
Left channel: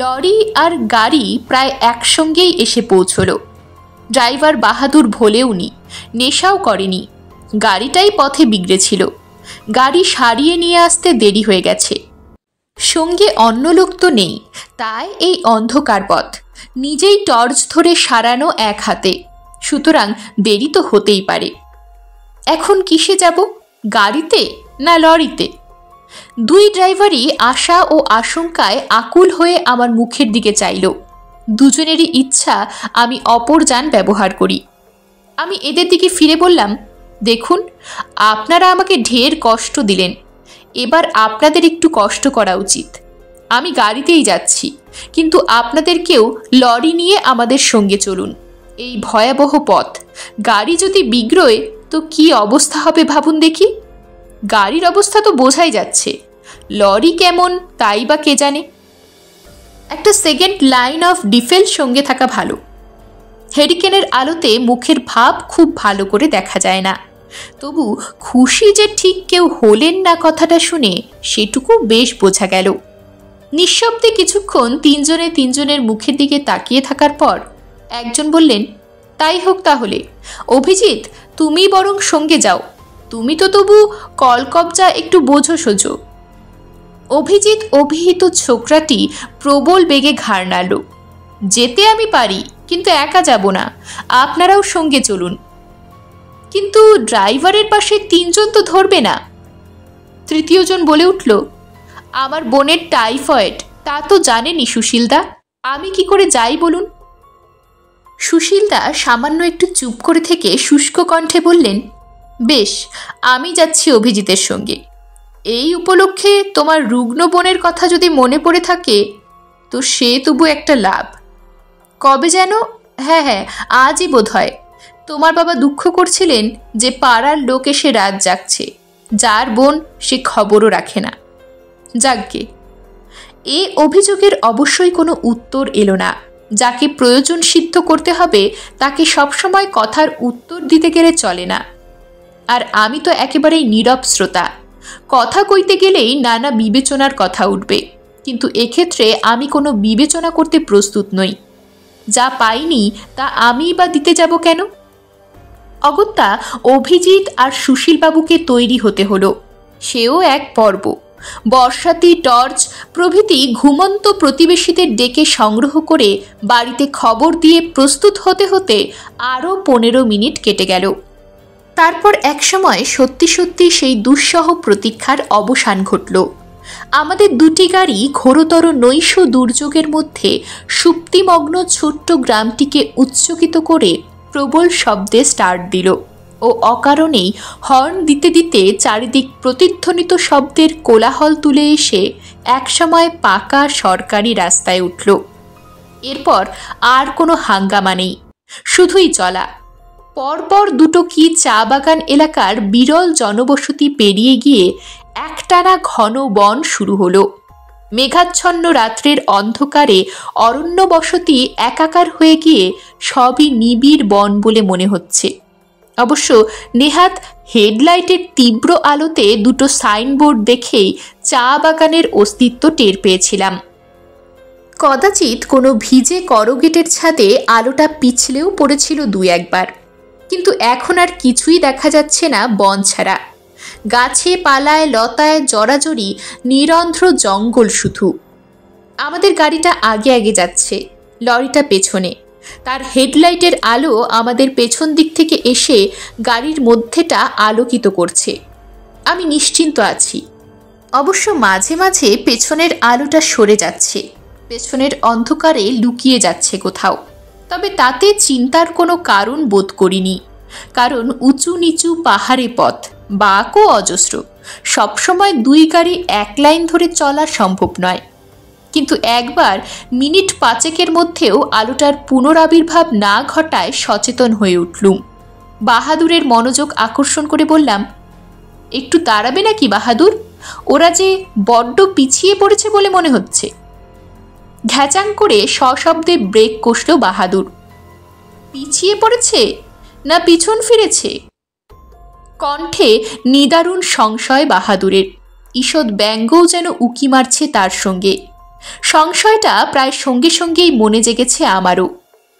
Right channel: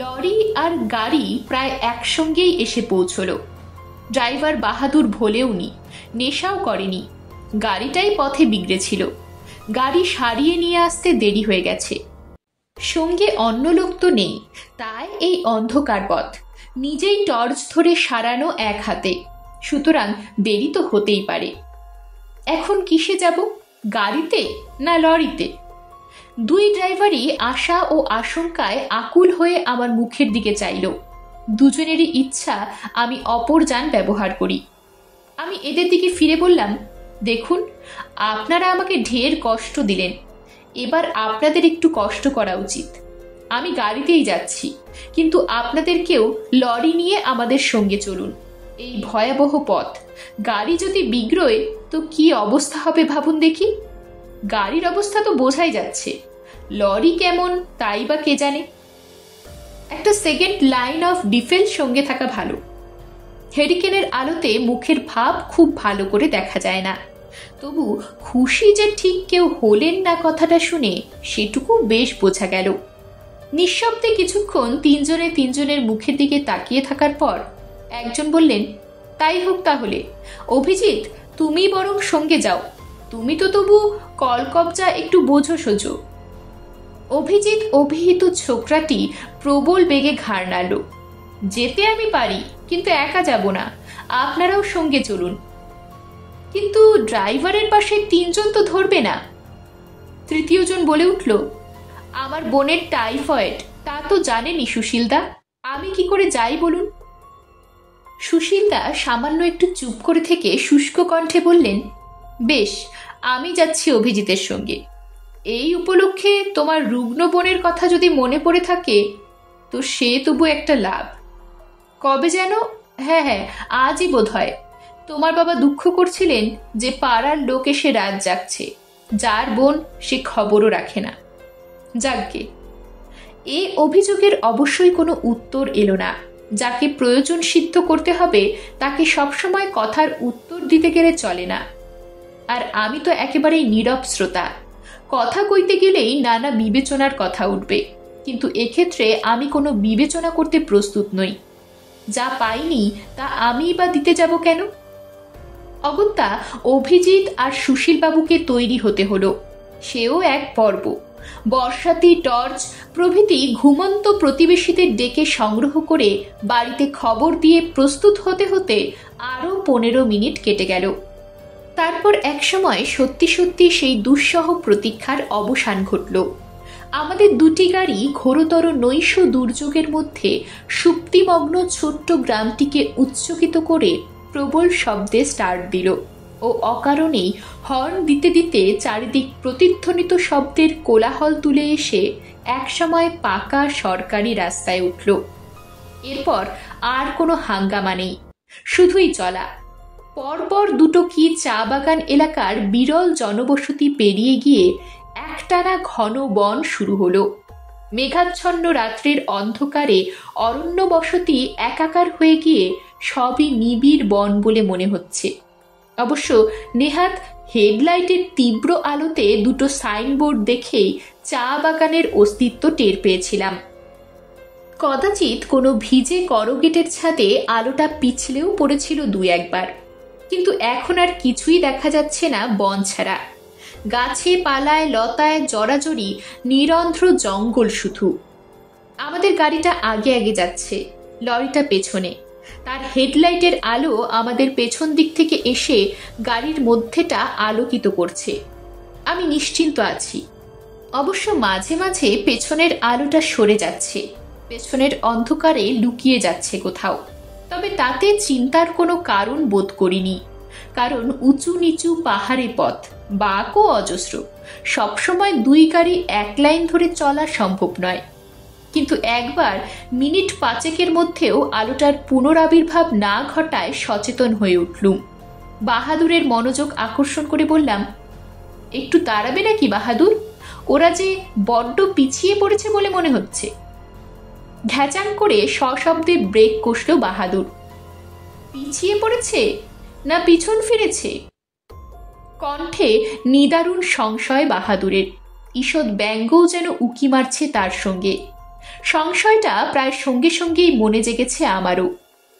লরি আর গাড়ি প্রায় একসঙ্গেই এসে পৌঁছল। ড্রাইভার বাহাদুর ভোলেওনি, নেশাও করেনি। গাড়িটাই পথে বিগড়েছিল। গাড়ি সারিয়ে নিয়ে আসতে দেরি হয়ে গেছে। সঙ্গে অন্য লোক তো নেই, তাই এই অন্ধকার পথ। নিজেই টর্চ ধরে সারানো এক হাতে, সুতরাং দেরি তো হতেই পারে। এখন কিসে যাব? গাড়িতে না লরিতে? দুই ড্রাইভারই আশা ও আশঙ্কায় আকুল হয়ে আমার মুখের দিকে চাইল। দুজনেরই ইচ্ছা আমি অপর যান ব্যবহার করি। আমি এদের দিকে ফিরে বললাম, দেখুন, আপনারা আমাকে ঢের কষ্ট দিলেন, এবার আপনাদের একটু কষ্ট করা উচিত। আমি গাড়িতেই যাচ্ছি, কিন্তু আপনাদেরকেও লরি নিয়ে আমাদের সঙ্গে চলুন। এই ভয়াবহ পথ, গাড়ি যদি বিগড়োয় তো কি অবস্থা হবে ভাবুন দেখি। গাড়ির অবস্থা তো বোঝাই যাচ্ছে, লরি কেমন তাই বা কে জানে। একটা সেকেন্ড লাইন অফ ডিফেন্স সঙ্গে থাকা ভালো। হেরিকেনের আলোতে মুখের ভাব খুব ভালো করে দেখা যায় না, তবু খুশি যে ঠিক কেউ হলেন না কথাটা শুনে সেটুকু বেশ বোঝা গেল। নিঃশব্দে কিছুক্ষণ তিনজনে তিনজনের মুখের দিকে তাকিয়ে থাকার পর একজন বললেন, তাই হোক তাহলে। অভিজিৎ, তুমি বরং সঙ্গে যাও, তুমি তো তবু কলকবজা একটু বোঝো সোজো। অভিজিৎ অভিহিত ছোকরাটি প্রবল বেগে ঘাড় নাড়ল। যেতে আমি পারি, কিন্তু একা যাব না, আপনারাও সঙ্গে চলুন। কিন্তু ড্রাইভারের পাশে তিনজন তো ধরবে না। তৃতীয়জন বলে উঠল, আমার বোনের টাইফয়েড, তা তো জানেনই সুশীলদা, আমি কি করে যাই বলুন। সুশীলদা সামান্য একটু চুপ করে থেকে শুষ্ক কণ্ঠে বললেন, বেশ, আমি যাচ্ছি অভিজিতের সঙ্গে। এই উপলক্ষে তোমার রুগ্ন বোনের কথা যদি মনে পড়ে থাকে তো সে তবু একটা লাভ। কবে যেন, হ্যাঁ হ্যাঁ, আজই বোধ হয়, তোমার বাবা দুঃখ করছিলেন যে পাড়ার লোক এসে রাত জাগছে, যার বোন সে খবরও রাখে না। যাজ্ঞে, এ অভিযোগের অবশ্যই কোনো উত্তর এলো না। যাকে প্রয়োজন সিদ্ধ করতে হবে তাকে সবসময় কথার উত্তর দিতে গেলে চলে না। আর আমি তো একেবারেই নীরব শ্রোতা। কথা কইতে গেলেই নানা বিবেচনার কথা উঠবে, কিন্তু এক্ষেত্রে আমি কোনো বিবেচনা করতে প্রস্তুত নই। যা পাইনি তা আমিই বা দিতে যাব কেন? অগত্যা অভিজিৎ আর সুশীলবাবুকে তৈরি হতে হলো, সেও এক পর্ব। বর্ষাতি, টর্চ প্রভৃতি ঘুমন্ত প্রতিবেশীদের ডেকে সংগ্রহ করে বাড়িতে খবর দিয়ে প্রস্তুত হতে হতে আরও 15 মিনিট কেটে গেল। তারপর একসময় সত্যি সত্যি সেই দুঃসহ প্রতীক্ষার অবসান ঘটল। আমাদের দুটি গাড়ি ঘোরতর নৈশ দুর্যোগের মধ্যে সুপ্তিমগ্ন ছোট্ট গ্রামটিকে উচ্চকিত করে প্রবল শব্দে স্টার্ট দিল ও অকারণেই হর্ন দিতে দিতে চারিদিক প্রতিধ্বনিত শব্দের কোলাহল তুলে এসে একসময় পাকা সরকারি রাস্তায় উঠল। এরপর আর কোনো হাঙ্গামা নেই, শুধুই চলা। পরপর দুটো কি চা বাগান এলাকার বিরল জনবসতি পেরিয়ে গিয়ে একটানা ঘন বন শুরু হলো। মেঘাচ্ছন্ন রাত্রের অন্ধকারে অরণ্য বসতি একাকার হয়ে গিয়ে সবই নিবিড় বন বলে মনে হচ্ছে। অবশ্য নেহাত হেডলাইটের তীব্র আলোতে দুটো সাইনবোর্ড দেখেই চা বাগানের অস্তিত্ব টের পেয়েছিলাম। কদাচিৎ কোনো ভিজে করগেটের ছাদে আলোটা পিছলেও পড়েছিল 2-1 বার, কিন্তু এখন আর কিছুই দেখা যাচ্ছে না বন ছাড়া। গাছে পালায় লতায় জড়াজড়ি নিরন্ধ্র জঙ্গল শুধু। আমাদের গাড়িটা আগে আগে যাচ্ছে, লরিটা পেছনে। তার হেডলাইটের আলো আমাদের পেছন দিক থেকে এসে গাড়ির মধ্যেটা আলোকিত করছে। আমি নিশ্চিন্ত আছি। অবশ্য মাঝে মাঝে পেছনের আলোটা সরে যাচ্ছে, পেছনের অন্ধকারে লুকিয়ে যাচ্ছে কোথাও। তবে তাতে চিন্তার কোনো কারণ বোধ করিনি, কারণ উঁচু নিচু পাহাড়ি পথ, বাঁকও অজস্র। সবসময় 2 গাড়ি এক লাইন ধরে চলা সম্ভব নয়। কিন্তু একবার মিনিট 5-এর মধ্যেও আলোটার পুনরাবির্ভাব না ঘটায় সচেতন হয়ে উঠলুম। বাহাদুরের মনোযোগ আকর্ষণ করে বললাম, একটু দাঁড়াবে নাকি বাহাদুর? ওরা যে বড্ড পিছিয়ে পড়েছে বলে মনে হচ্ছে। ঘ্যাচাং করে সশব্দে ব্রেক কষল বাহাদুর। পিছিয়ে পড়েছে না পিছন ফিরেছে? কণ্ঠে নিদারুণ সংশয় বাহাদুরের। ঈষৎ ব্যঙ্গও যেন উকি মারছে তার সঙ্গে। সংশয়টা প্রায় সঙ্গে সঙ্গেই মনে জেগেছে আমারও।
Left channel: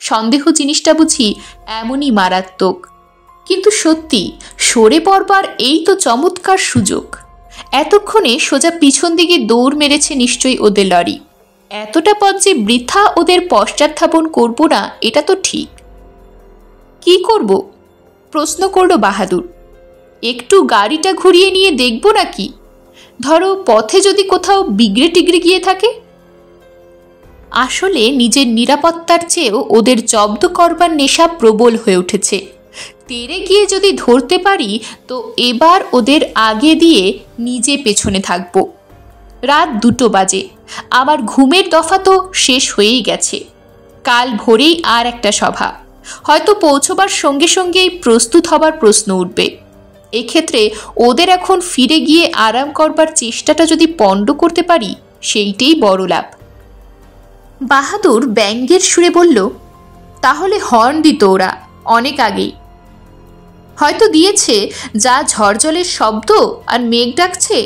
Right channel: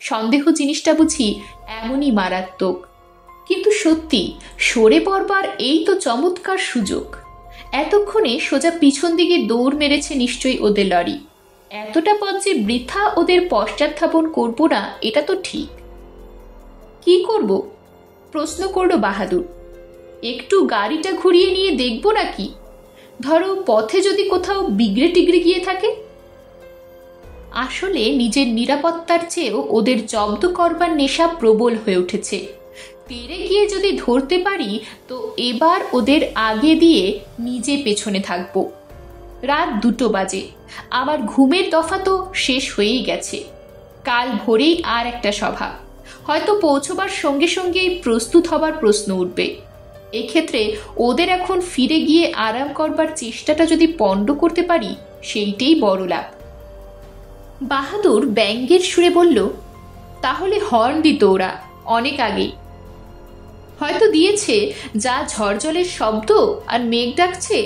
সন্দেহ জিনিসটা বুঝি এমনই মারাত্মক। কিন্তু সত্যি সরে পড়বার এই তো চমৎকার সুযোগ। এতক্ষণে সোজা পিছন দিকে দৌড় মেরেছে নিশ্চয়ই ওদের লরি। এতটা পথ যে বৃথা ওদের পশ্চাৎথাপন করব না এটা তো ঠিক। কি করব? প্রশ্ন করল বাহাদুর। একটু গাড়িটা ঘুরিয়ে নিয়ে দেখব নাকি? ধরো পথে যদি কোথাও বিগড়ে টিগড়ে গিয়ে থাকে। আসলে নিজের নিরাপত্তার চেয়েও ওদের জব্দ করবার নেশা প্রবল হয়ে উঠেছে। তেড়ে গিয়ে যদি ধরতে পারি তো এবার ওদের আগে দিয়ে নিজে পেছনে থাকব। রাত 2 বাজে। আমার ঘুমের দফা তো শেষ হয়েই গেছে। কাল ভোরেই আর একটা সভা, হয়তো পৌঁছবার সঙ্গে সঙ্গেই প্রস্তুত হবার প্রশ্ন উঠবে। এক্ষেত্রে ওদের এখন ফিরে গিয়ে আরাম করবার চেষ্টাটা যদি পণ্ড করতে পারি সেইটাই বড় লাভ। বাহাদুর ব্যঙ্গের সুরে বলল, তাহলে হর্ন দিত ওরা অনেক আগেই। হয়তো দিয়েছে, যা ঝড়জলের শব্দ আর মেঘ ডাকছে।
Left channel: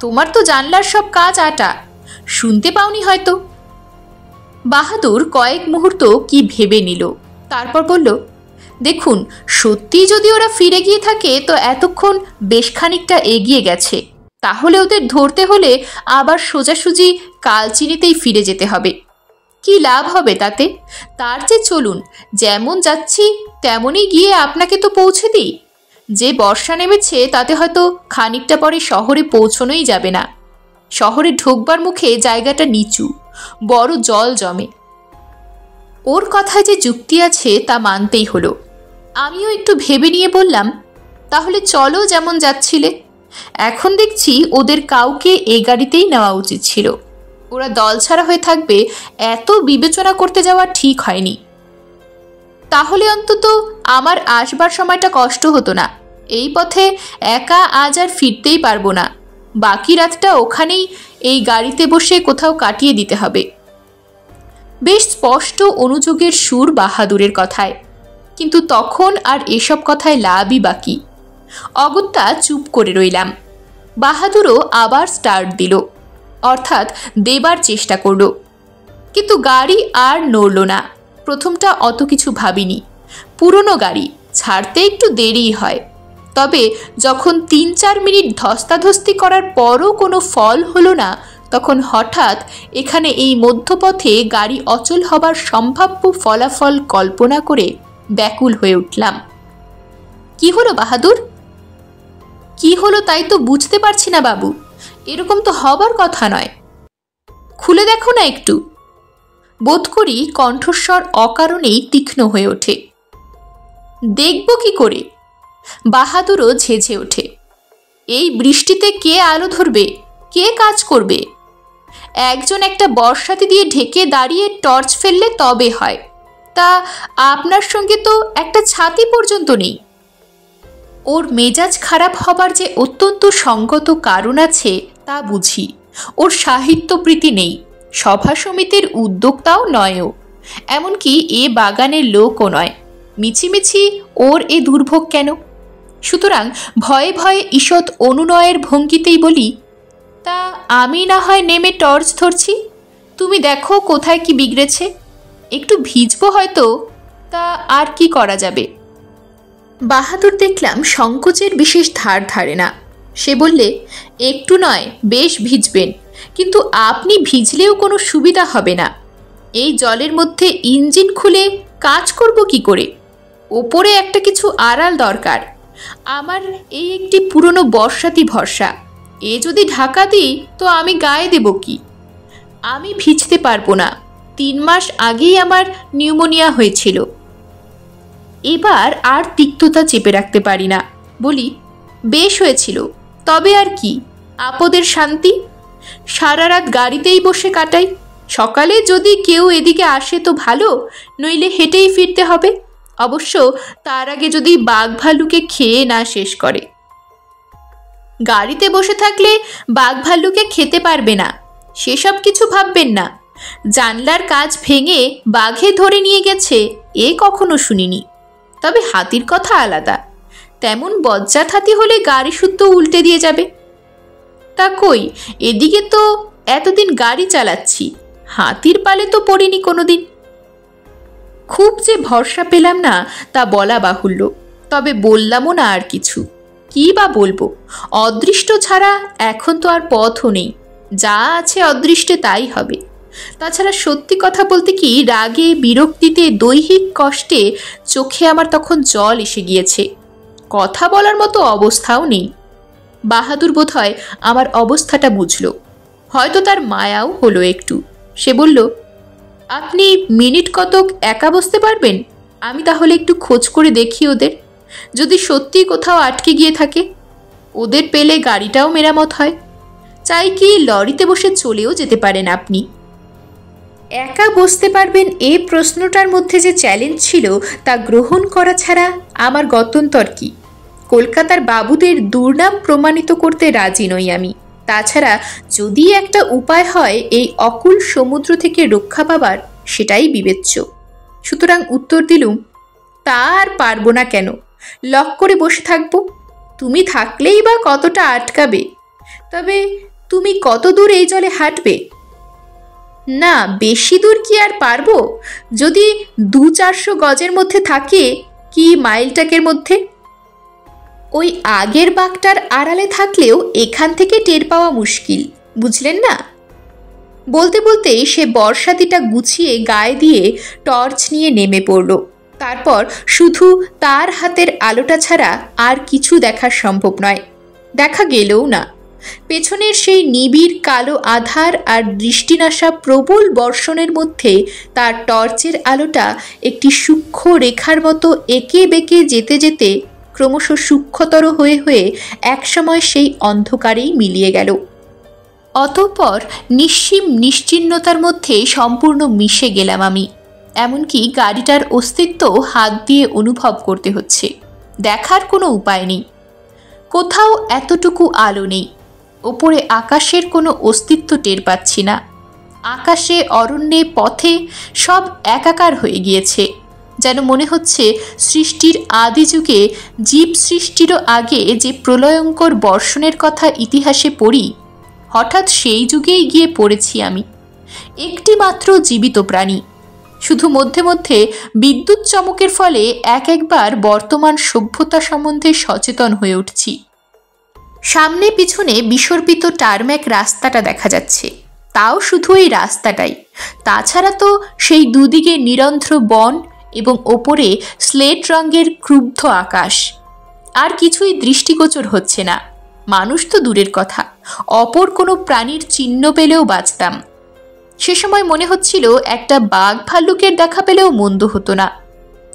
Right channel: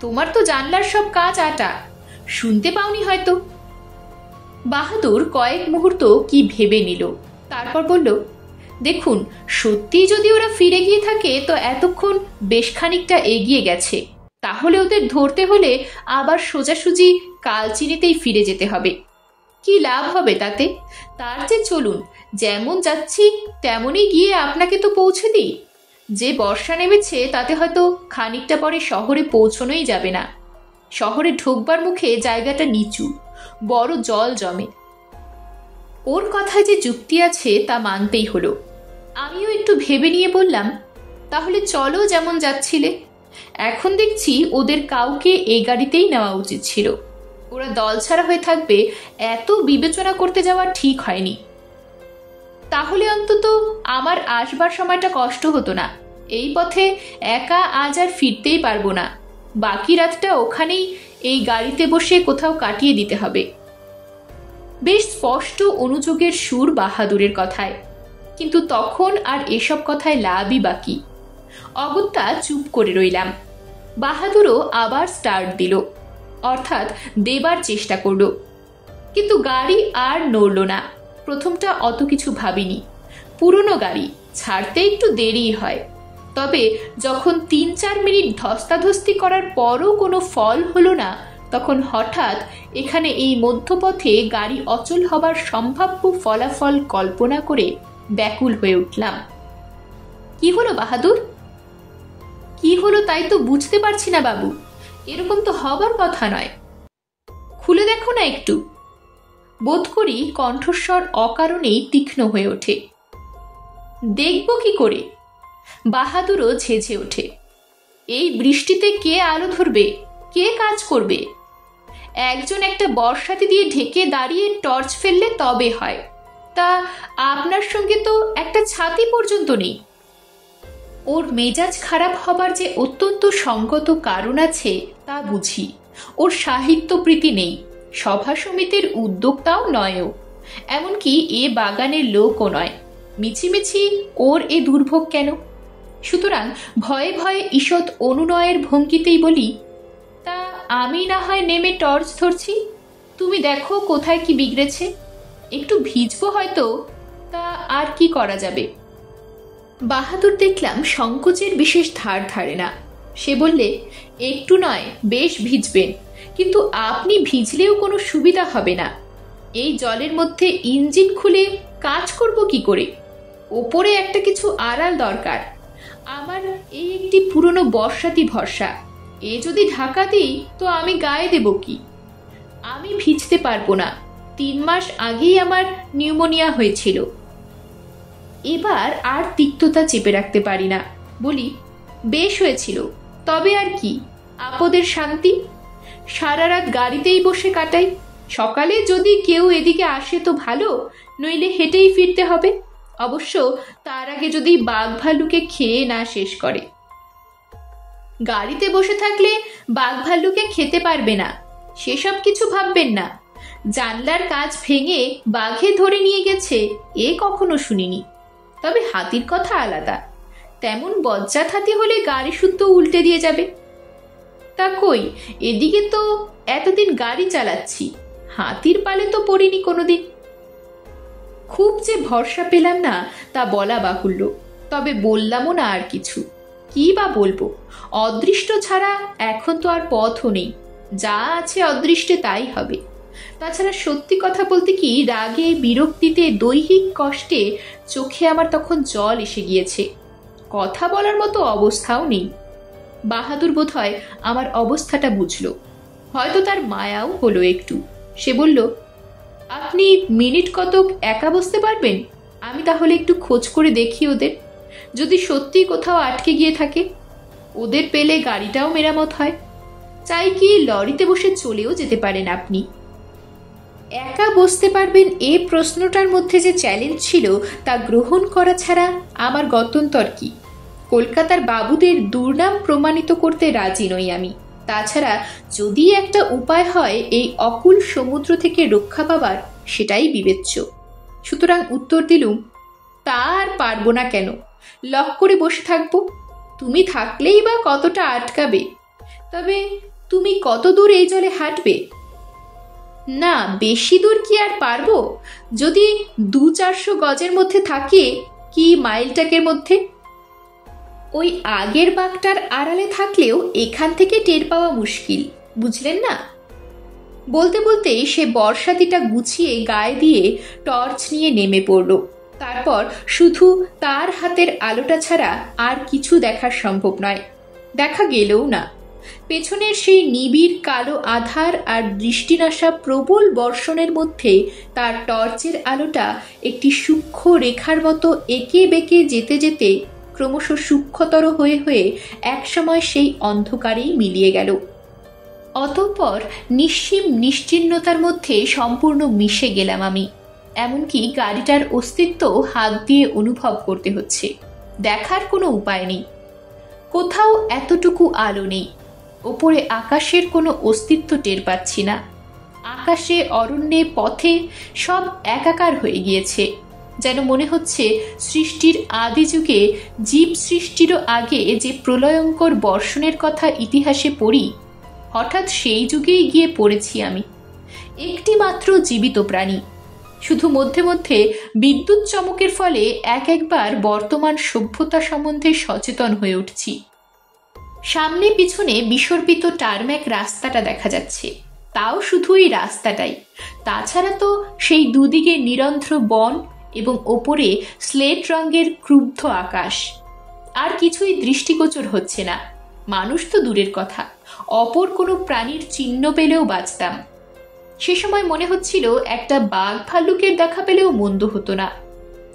তোমার তো জানলার সব কাজ আটা, শুনতে পাওনি হয়তো। বাহাদুর কয়েক মুহূর্ত কি ভেবে নিল, তারপর বলল, দেখুন সত্যি যদি ওরা ফিরে গিয়ে থাকে তো এতক্ষণ বেশ খানিকটা এগিয়ে গেছে। তাহলে ওদের ধরতে হলে আবার সোজাসুজি কালচিনিতেই ফিরে যেতে হবে। কি লাভ হবে তাতে? তার চেয়ে চলুন, যেমন যাচ্ছি তেমনই গিয়ে আপনাকে তো পৌঁছে দিই। যে বর্ষা নেমেছে তাতে হয়তো খানিকটা পরে শহরে পৌঁছনোই যাবে না। শহরে ঢোকবার মুখে জায়গাটা নিচু, বড় জল জমে। ওর কথায় যে যুক্তি আছে তা মানতেই হলো। আমিও একটু ভেবে নিয়ে বললাম, তাহলে চলো যেমন যাচ্ছিলে। এখন দেখছি ওদের কাউকে এই গাড়িতেই নেওয়া উচিত ছিল। ওরা দলছাড়া হয়ে থাকবে এত বিবেচনা করতে যাওয়া ঠিক হয়নি। তাহলে অন্তত আমার আসবার সময়টা কষ্ট হতো না। এই পথে একা আজ আর ফিরতেই পারবো না। বাকি রাতটা ওখানেই এই গাড়িতে বসে কোথাও কাটিয়ে দিতে হবে। বেশ স্পষ্ট অনুযোগের সুর বাহাদুরের কথায়, কিন্তু তখন আর এসব কথায় লাভই বাকি। অগত্যা চুপ করে রইলাম। বাহাদুরও আবার স্টার্ট দিল, অর্থাৎ দেবার চেষ্টা করল, কিন্তু গাড়ি আর নড়ল না। প্রথমটা অত কিছু ভাবিনি। পুরনো গাড়ি, ছাড়তে একটু দেরি হয়, তবে যখন ৩-৪ মিনিট ধস্তাধস্তি করার পরও কোনো ফল হলো না, তখন হঠাৎ এখানে এই মধ্যপথে গাড়ি অচল হবার সম্ভাব্য ফলাফল কল্পনা করে ব্যাকুল হয়ে উঠলাম। কি হলো বাহাদুর? কি হলো তাই তো বুঝতে পারছি না বাবু, এরকম তো হবার কথা নয়, খুলে দেখো না একটু। বোধ করি কণ্ঠস্বর অকারণেই তীক্ষ্ণ হয়ে ওঠে। দেখব কি করে? বাহাদুরও ঝেঝে ওঠে। এই বৃষ্টিতে কে আলো ধরবে, কে কাজ করবে? একজন একটা বর্ষাতি দিয়ে ঢেকে দাঁড়িয়ে টর্চ ফেললে তবে হয়, তা আপনার সঙ্গে তো একটা ছাতি পর্যন্ত নেই। ওর মেজাজ খারাপ হবার যে অত্যন্ত সঙ্গত কারণ আছে তা বুঝি। ওর সাহিত্যপ্রীতি নেই, সভা সমিতির উদ্যোক্তাও নয়ও, এমনকি এ বাগানের লোকও নয়। মিছিমিছি ওর এ দুর্ভোগ কেন? সুতরাং ভয়ে ভয়ে ঈষৎ অনুনয়ের ভঙ্গিতেই বলি, তা আমি না হয় নেমে টর্চ ধরছি, তুমি দেখো কোথায় কি বিগড়েছে। একটু ভিজবো হয়তো, তা আর কি করা যাবে। বাহাদুর দেখলাম সংকোচের বিশেষ ধার ধারে না। সে বললে, একটু নয়, বেশ ভিজবেন, কিন্তু আপনি ভিজলেও কোনো সুবিধা হবে না। এই জলের মধ্যে ইঞ্জিন খুলে কাজ করব কি করে? ওপরে একটা কিছু আড়াল দরকার। আমার এই একটি পুরনো বর্ষাতি ভরসা, এ যদি ঢাকা দিই তো আমি গায়ে দেব কি? আমি ভিজতে পারবো না, 3 মাস আগেই আমার নিউমোনিয়া হয়েছিল। এবার আর তিক্ততা চেপে রাখতে পারি না, বলি, বেশ হয়েছিল, তবে আর কি, আপদের শান্তি। সারা রাত গাড়িতেই বসে কাটাই, সকালে যদি কেউ এদিকে আসে তো ভালো, নইলে হেঁটেই ফিরতে হবে, অবশ্য তার আগে যদি বাঘ ভাল্লুকে খেয়ে না শেষ করে। গাড়িতে বসে থাকলে বাঘ ভাল্লুকে খেতে পারবে না, সেসব কিছু ভাববেন না। জানলার কাজ ভেঙে বাঘে ধরে নিয়ে গেছে এ কখনো শুনিনি, তবে হাতির কথা আলাদা। তেমন বজ্জাত হাতি হলে গাড়ি শুদ্ধ উল্টে দিয়ে যাবে। তা কই, এদিকে তো এতদিন গাড়ি চালাচ্ছি, হাতির পালে তো পড়িনি কোনোদিন। খুব যে ভরসা পেলাম না তা বলা বাহুল্য, তবে বললামও না আর কিছু। কি বা বলবো, অদৃষ্ট ছাড়া এখন তো আর পথও নেই, যা আছে অদৃষ্টে তাই হবে। তাছাড়া সত্যি কথা বলতে কি, রাগে বিরক্তিতে দৈহিক কষ্টে চোখে আমার তখন জল এসে গিয়েছে, কথা বলার মতো অবস্থাও নেই। বাহাদুর বোধহয় আমার অবস্থাটা বুঝল, হয়তো তার মায়াও হলো একটু। সে বলল, আপনি মিনিট কতক একা বসতে পারবেন? আমি তাহলে একটু খোঁজ করে দেখি ওদের, যদি সত্যি কোথাও আটকে গিয়ে থাকে। ওদের পেলে গাড়িটাও মেরামত হয়। চাই কি লরিতে বসে চলেও যেতে পারেন আপনি। একা বসতে পারবেন এ প্রশ্নটার মধ্যে যে চ্যালেঞ্জ ছিল তা গ্রহণ করা ছাড়া আমার গত্যন্তর কি? কলকাতার বাবুদের দুর্নাম প্রমাণিত করতে রাজি নই আমি। তাছাড়া যদি একটা উপায় হয় এই অকুল সমুদ্র থেকে রক্ষা পাবার, সেটাই বিবেচ্য। সুতরাং উত্তর দিলুম, তা আর পারবো না কেন, লক করে বসে থাকবো। তুমি থাকলেই বা কতটা আটকাবে? তবে তুমি কত দূর এই জলে হাঁটবে? না, বেশি দূর কি আর পারবো? যদি 200-400 গজের মধ্যে থাকে, কি মাইলটাকের মধ্যে। ওই আগের বাঘটার আড়ালে থাকলেও এখান থেকে টের পাওয়া মুশকিল, বুঝলেন না? বলতে বলতেই সে বর্ষাতিটা গুছিয়ে গায়ে দিয়ে টর্চ নিয়ে নেমে পড়ল। তারপর শুধু তার হাতের আলোটা ছাড়া আর কিছু দেখা সম্ভব নয়, দেখা গেলেও না। পেছনের সেই নিবিড় কালো আধার আর দৃষ্টিনাশা প্রবল বর্ষণের মধ্যে তার টর্চের আলোটা একটি সূক্ষ্ম রেখার মতো এঁকে বেঁকে যেতে যেতে ক্রমশ সূক্ষ্মতর হয়ে হয়ে একসময় সেই অন্ধকারেই মিলিয়ে গেল। অতঃপর নিশ্চিম নিশ্চিহ্নতার মধ্যে সম্পূর্ণ মিশে গেলাম আমি। এমনকি গাড়িটার অস্তিত্ব হাত দিয়ে অনুভব করতে হচ্ছে। দেখার কোনো উপায় নেই, কোথাও এতটুকু আলো নেই। ওপরে আকাশের কোনো অস্তিত্ব টের পাচ্ছি না। আকাশে, অরণ্যে, পথে সব একাকার হয়ে গিয়েছে। যেন মনে হচ্ছে সৃষ্টির আদি যুগে, জীব সৃষ্টিরও আগে যে প্রলয়ঙ্কর বর্ষণের কথা ইতিহাসে পড়ি, হঠাৎ সেই যুগেই গিয়ে পড়েছি আমি। একটি মাত্র জীবিত প্রাণী, শুধু মধ্যে মধ্যে বিদ্যুৎ চমকের ফলে একবার বর্তমান সভ্যতা সম্বন্ধে সচেতন হয়ে উঠছি। সামনে পিছনে বিসর্পিত টারম্যাক রাস্তাটা দেখা যাচ্ছে, তাও শুধু এই রাস্তাটাই, তাছাড়া তো সেই দুদিকে নিরন্ধ্র বন এবং ওপরে স্লেট রঙের ক্রুব্ধ আকাশ। আর কিছুই দৃষ্টিগোচর হচ্ছে না। মানুষ তো দূরের কথা, অপর কোনো প্রাণীর চিহ্ন পেলেও বাঁচতাম। সে সময় মনে হচ্ছিল একটা বাঘ ভাল্লুকের দেখা পেলেও মন্দ হতো না,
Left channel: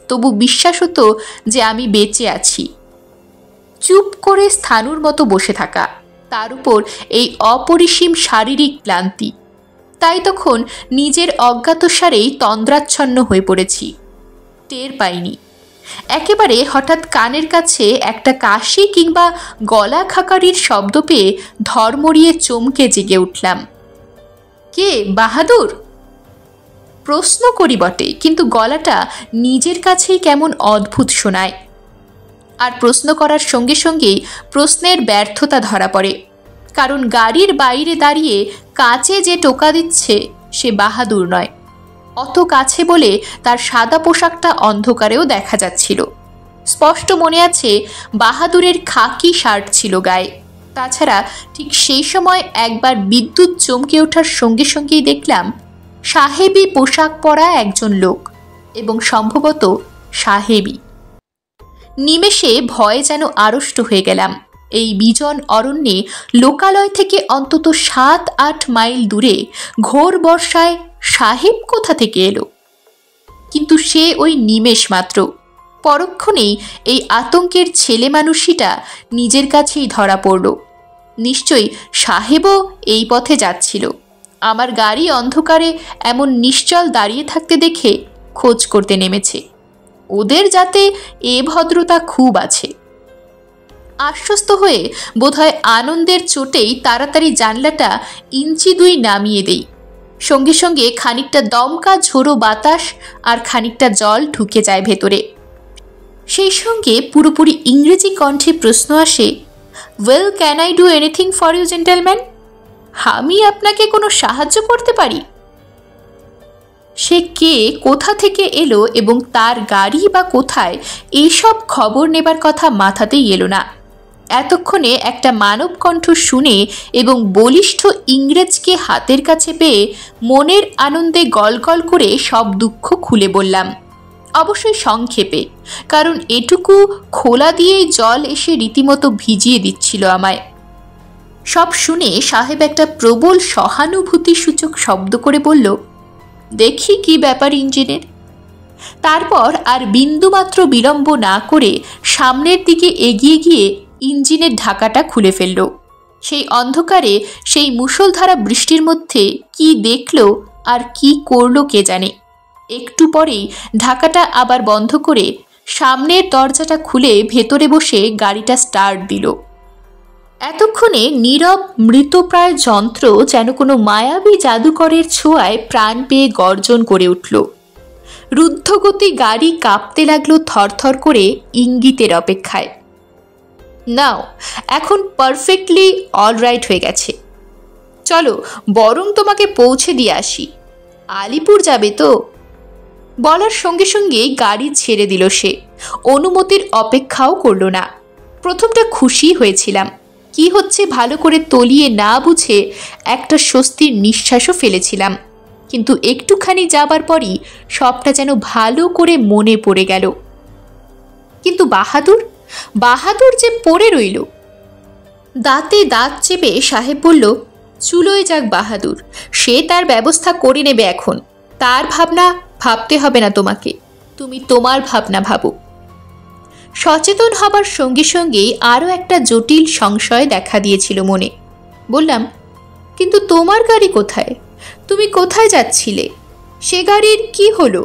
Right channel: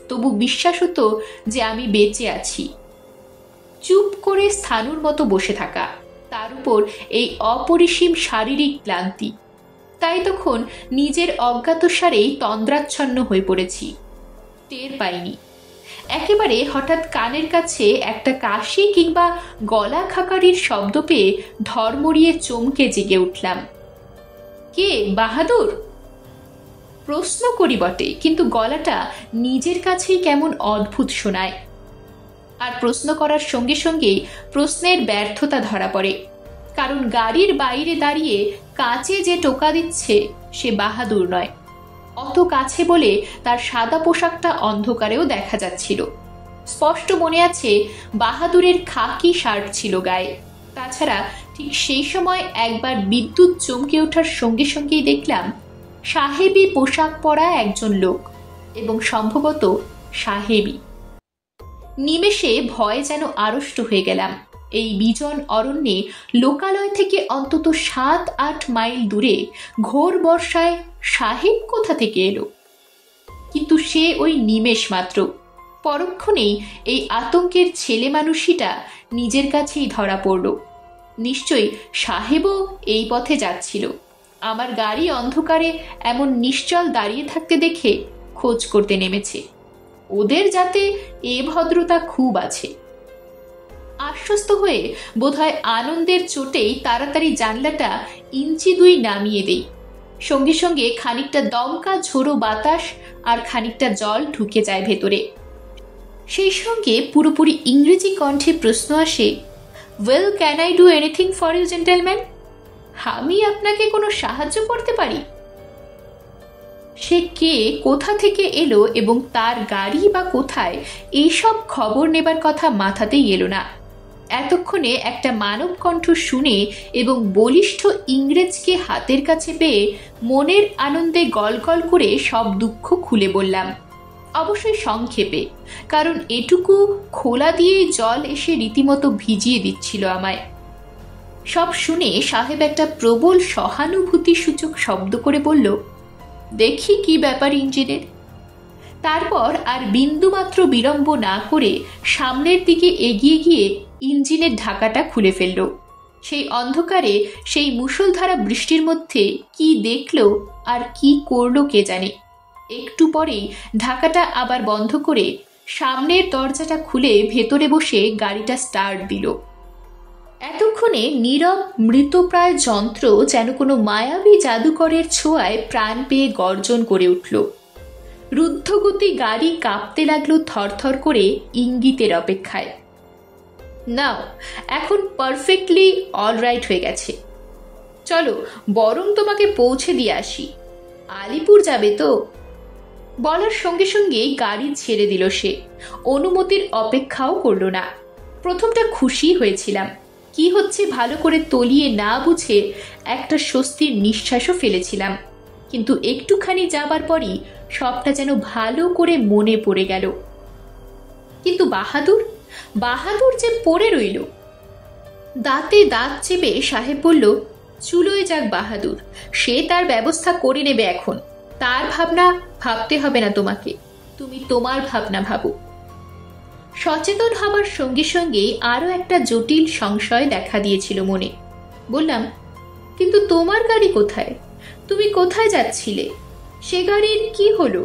তবু বিশ্বাস হতো যে আমি বেঁচে আছি। চুপ করে স্থাণুর মতো বসে থাকা, তার উপর এই অপরিসীম শারীরিক ক্লান্তি। তাই তখন নিজের অজ্ঞাতসারেই তন্দ্রাচ্ছন্ন হয়ে পড়েছি, টের পাইনি। একেবারে হঠাৎ কানের কাছে একটা কাশি কিংবা গলা খাকারির শব্দ পেয়ে ধর্মড়িয়ে চমকে জেগে উঠলাম। কে বাহাদুর? প্রশ্ন করি বটে, কিন্তু গলাটা নিজের কাছেই কেমন অদ্ভুত শোনায়। আর প্রশ্ন করার সঙ্গে সঙ্গেই প্রশ্নের ব্যর্থতা ধরা পড়ে, কারণ গাড়ির বাইরে দাঁড়িয়ে কাছে যে টোকা দিচ্ছে সে বাহাদুর নয়। অত কাছে বলে তার সাদা পোশাকটা অন্ধকারেও দেখা যাচ্ছিল। স্পষ্ট মনে আছে বাহাদুরের খাকি শার্ট ছিল গায়ে। তাছাড়া ঠিক সেই সময় একবার বিদ্যুৎ চমকে ওঠার সঙ্গে সঙ্গেই দেখলাম সাহেবী পোশাক পরা একজন লোক, এবং সম্ভবত সাহেবী। নিমেষে ভয়ে যেন আড়ষ্ট হয়ে গেলাম। এই বিজন অরণ্যে লোকালয় থেকে অন্তত 7-8 মাইল দূরে ঘোর বর্ষায় সাহেব কোথা থেকে এলো? কিন্তু সে ওই নিমেষ মাত্র। পরক্ষণেই এই আতঙ্কের ছেলে মানুষটা নিজের কাছেই ধরা পড়ল। নিশ্চয়ই সাহেবও এই পথে যাচ্ছিল। আমার গাড়ি অন্ধকারে এমন নিশ্চল দাঁড়িয়ে থাকতে দেখে খোঁজ করতে নেমেছে। ওদের যাতে এ ভদ্রতা খুব আছে। আশ্বস্ত হয়ে বোধহয় আনন্দের চোটেই তাড়াতাড়ি জানলাটা ইঞ্চি 2 নামিয়ে দেই। সঙ্গে সঙ্গে খানিকটা দমকা ঝোড়ো বাতাস আর খানিকটা জল ঢুকে যায় ভেতরে। সেই সঙ্গে পুরোপুরি ইংরেজি কণ্ঠে প্রশ্ন আসে, well, can I do anything for you gentleman? আমি আপনাকে কোনো সাহায্য করতে পারি? সে কে, কোথা থেকে এলো এবং তার গাড়ি বা কোথায়, এইসব খবর নেবার কথা মাথাতেই এলো না। এতক্ষণে একটা মানব কণ্ঠ শুনে এবং বলিষ্ঠ ইংরেজকে হাতের কাছে পেয়ে মনের আনন্দে গলগল করে সব দুঃখ খুলে বললাম, অবশ্যই সংক্ষেপে, কারণ এটুকু খোলা দিয়েই জল এসে রীতিমতো ভিজিয়ে দিচ্ছিল আমায়। সব শুনে সাহেব একটা প্রবল সহানুভূতিসূচক শব্দ করে বলল, দেখি কি ব্যাপার ইঞ্জিনের। তারপর আর বিন্দুমাত্র বিলম্ব না করে সামনের দিকে এগিয়ে গিয়ে ইঞ্জিনের ঢাকাটা খুলে ফেলল। সেই অন্ধকারে, সেই মুষলধারা বৃষ্টির মধ্যে কি দেখল আর কি করল কে জানে। একটু পরেই ঢাকাটা আবার বন্ধ করে সামনের দরজাটা খুলে ভেতরে বসে গাড়িটা স্টার্ট দিল। এতক্ষণে নীরব মৃতপ্রায় যন্ত্র যেন কোনো মায়াবী জাদুকরের ছোঁয়ায় প্রাণ পেয়ে গর্জন করে উঠল। রুদ্ধগতি গাড়ি কাঁপতে লাগলো থরথর করে ইঙ্গিতের অপেক্ষায়। নাও, এখন পারফেক্টলি অলরাইট হয়ে গেছে। চলো বরং তোমাকে পৌঁছে দিয়ে আসি। আলিপুর যাবে তো? বলার সঙ্গে সঙ্গেই গাড়ি ছেড়ে দিল সে। অনুমতির অপেক্ষাও করল না। প্রথমটা খুশি হয়েছিলাম, কি হচ্ছে ভালো করে তলিয়ে না বুঝে একটা স্বস্তির নিঃশ্বাসও ফেলেছিলাম। কিন্তু একটুখানি যাবার পরই সবটা যেন ভালো করে মনে পড়ে গেল। কিন্তু বাহাদুর যে পড়ে রইল। দাঁতে দাঁত চেপে সাহেব বলল, চুলোয় যাক বাহাদুর, সে তার ব্যবস্থা করে নেবে এখন। তার ভাবনা ভাবতে হবে না তোমাকে, তুমি তোমার ভাবনা ভাবো। সচেতন হবার সঙ্গে সঙ্গেই আরও একটা জটিল সংশয় দেখা দিয়েছিল মনে। বললাম, কিন্তু তোমার গাড়ি কোথায়? তুমি কোথায় যাচ্ছিলে? সে গাড়ির কি হলো?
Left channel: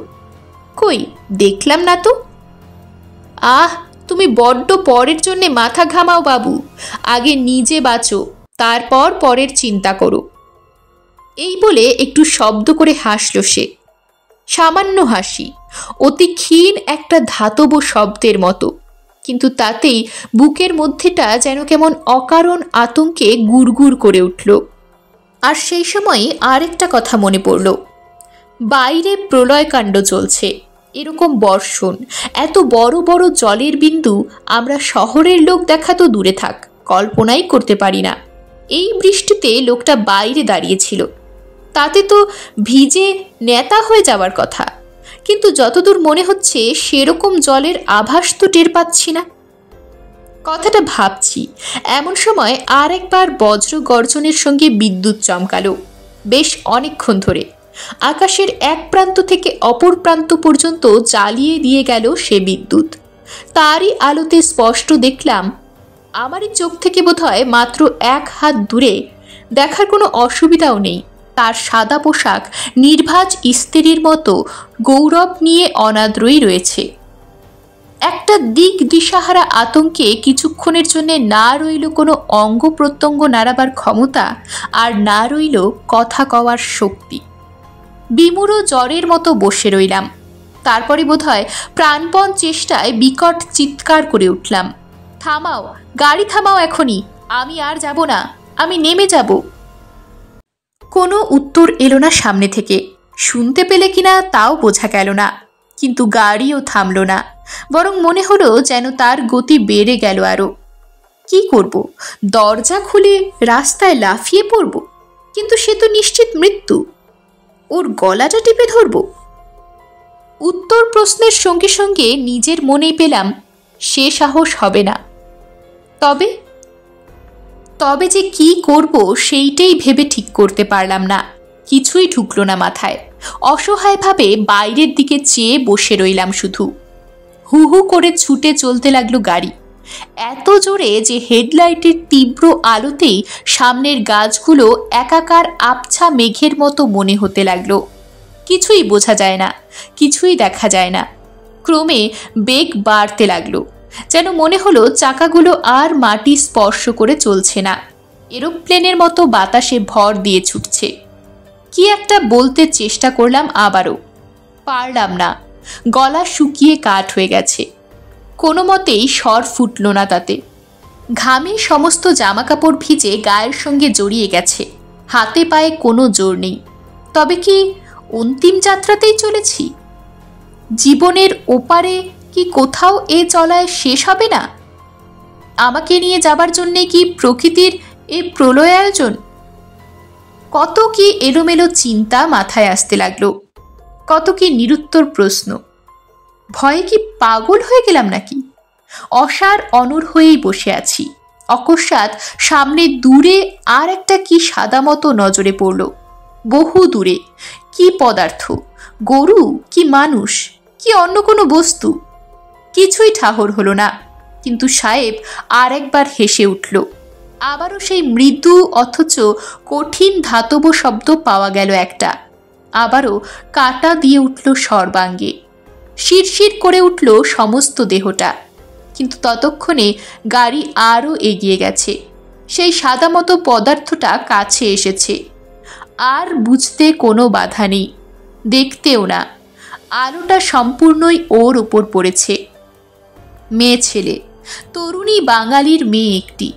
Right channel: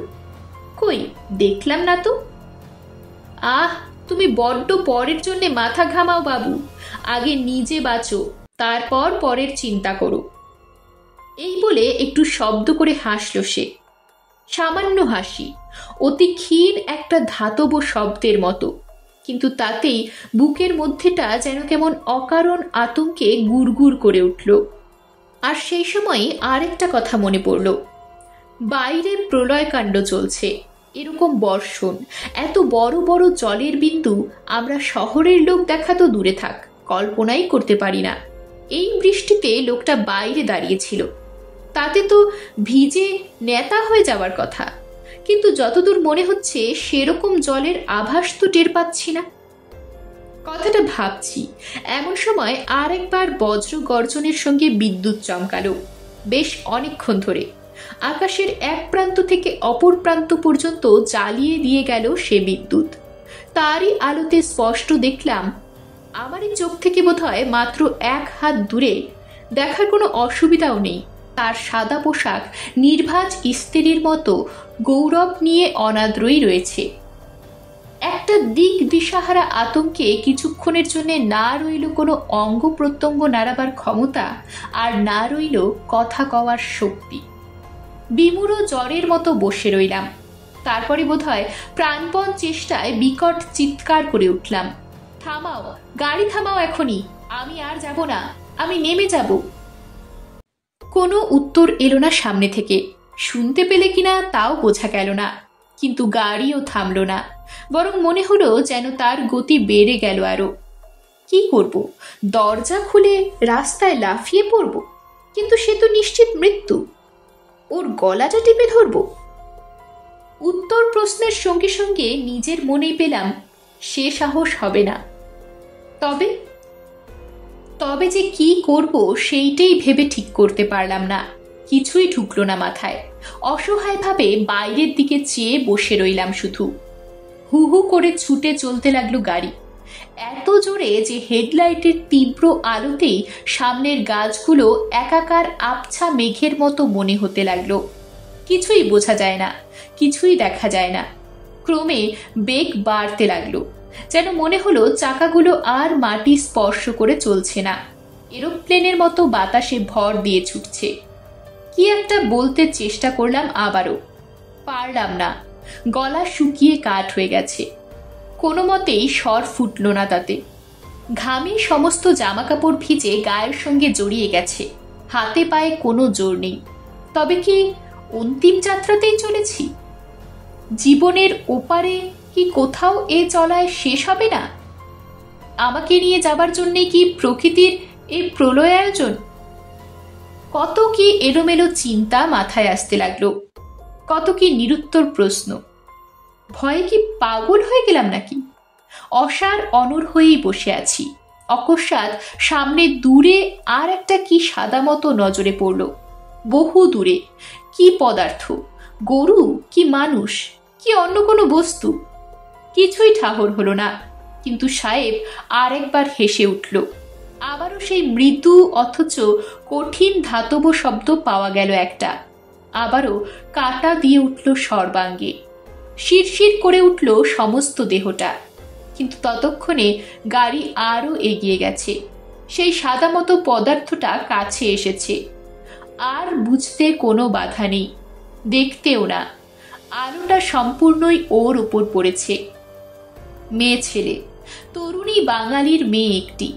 কই দেখলাম না তো। আহ, তুমি বড্ড পরের জন্যে মাথা ঘামাও বাবু। আগে নিজে বাঁচো, তারপর পরের চিন্তা করো। এই বলে একটু শব্দ করে হাসল সে। সামান্য হাসি, অতি ক্ষীণ একটা ধাতব শব্দের মতো, কিন্তু তাতেই বুকের মধ্যেটা যেন কেমন অকারণ আতঙ্কে গুড়গুড় করে উঠল। আর সেই সময় আরেকটা কথা মনে পড়ল। বাইরে প্রলয়কাণ্ড চলছে। এরকম বর্ষণ, এত বড় বড় জলের বিন্দু আমরা শহরের লোক দেখা তো দূরে থাক, কল্পনাই করতে পারি না। এই বৃষ্টিতে লোকটা বাইরে দাঁড়িয়েছিল, তাতে তো ভিজে নেতা হয়ে যাওয়ার কথা, কিন্তু যতদূর মনে হচ্ছে সেরকম জলের আভাস তো টের পাচ্ছি না। কথাটা ভাবছি, এমন সময় আর একবার বজ্র গর্জনের সঙ্গে বিদ্যুৎ চমকালো, বেশ অনেকক্ষণ ধরে। আকাশের এক প্রান্ত থেকে অপর প্রান্ত পর্যন্ত জ্বালিয়ে দিয়ে গেল সে বিদ্যুৎ। তারই আলোতে স্পষ্ট দেখলাম, আমারই চোখ থেকে বোধহয় মাত্র 1 হাত দূরে, দেখার কোনো অসুবিধাও নেই, তার সাদা পোশাক নির্ভাজ স্ত্রীর মতো গৌরব নিয়ে অনাদ্রই রয়েছে। একটা দিক দিশাহারা আতঙ্কে কিছুক্ষণের জন্য না রইল কোনো অঙ্গ প্রত্যঙ্গ নাড়াবার ক্ষমতা, আর না রইল কথা কওয়ার শক্তি। বিমূঢ় জ্বরের মতো বসে রইলাম। তারপরে বোধহয় প্রাণপণ চেষ্টায় বিকট চিৎকার করে উঠলাম, থামাও, গাড়ি থামাও এখনই, আমি আর যাব না, আমি নেমে যাব। কোনো উত্তর এলো না সামনে থেকে, শুনতে পেলে কিনা তাও বোঝা গেল না, কিন্তু গাড়িও থামল না, বরং মনে হলো যেন তার গতি বেড়ে গেল আরো। কি করব, দরজা খুলে রাস্তায় লাফিয়ে পড়ব? কিন্তু সে তো নিশ্চিত মৃত্যু, ওর গলাটা টিপে ধরব? উত্তর প্রশ্নের সঙ্গে সঙ্গে নিজের মনেই পেলাম সে সাহস হবে না। তবে তবে যে কি করব সেইটাই ভেবে ঠিক করতে পারলাম না, কিছুই ঢুকলো না মাথায়। অসহায়ভাবে বাইরের দিকে চেয়ে বসে রইলাম শুধু। হু হু করে ছুটে চলতে লাগলো গাড়ি, এত জোরে যে হেডলাইটের তীব্র আলোতেই সামনের গাছগুলো একাকার আবছা মেঘের মতো মনে হতে লাগলো। কিছুই বোঝা যায় না, কিছুই দেখা যায় না। ক্রমে বেগ বাড়তে লাগলো, যেন মনে হলো চাকাগুলো আর মাটি স্পর্শ করে চলছে না, এরোপ্লেনের মতো বাতাসে ভর দিয়ে ছুটছে। কি একটা বলতে চেষ্টা করলাম, আবারও পারলাম না, গলা শুকিয়ে কাঠ হয়ে গেছে। কোনো মতেই স্বর ফুটল না তাতে। ঘামে সমস্ত জামাকাপড় ভিজে গায়ের সঙ্গে জড়িয়ে গেছে, হাতে পায়ে কোনো জোর নেই। তবে কি অন্তিম যাত্রাতেই চলেছি? জীবনের ওপারে কি কোথাও এ চলায় শেষ হবে না? আমাকে নিয়ে যাবার জন্যে কি প্রকৃতির এই প্রলয় আয়োজন? কত কি এলোমেলো চিন্তা মাথায় আসতে লাগলো, কত কি নিরুত্তর প্রশ্ন। ভয়ে কি পাগল হয়ে গেলাম নাকি? অসার অনড় হয়েই বসে আছি। অকস্মাৎ সামনে দূরে আর একটা কি সাদা মতো নজরে পড়ল, বহু দূরে। কি পদার্থ, গরু কি মানুষ কি অন্য কোনো বস্তু? কিছুই ঠাহর হলো না। কিন্তু সাহেব আর একবার হেসে উঠল। আবারও সেই মৃদু অথচ কঠিন ধাতব শব্দ পাওয়া গেল একটা। আবারও কাটা দিয়ে উঠল সর্বাঙ্গে, শিরশির করে উঠল সমস্ত দেহটা। কিন্তু ততক্ষণে গাড়ি আরও এগিয়ে গেছে, সেই সাদা মতো পদার্থটা কাছে এসেছে। আর বুঝতে কোনো বাধা নেই, দেখতেও না, আলোটা সম্পূর্ণই ওর উপর পড়েছে। মেয়ে ছেলে, তরুণী বাঙালির মেয়ে একটি,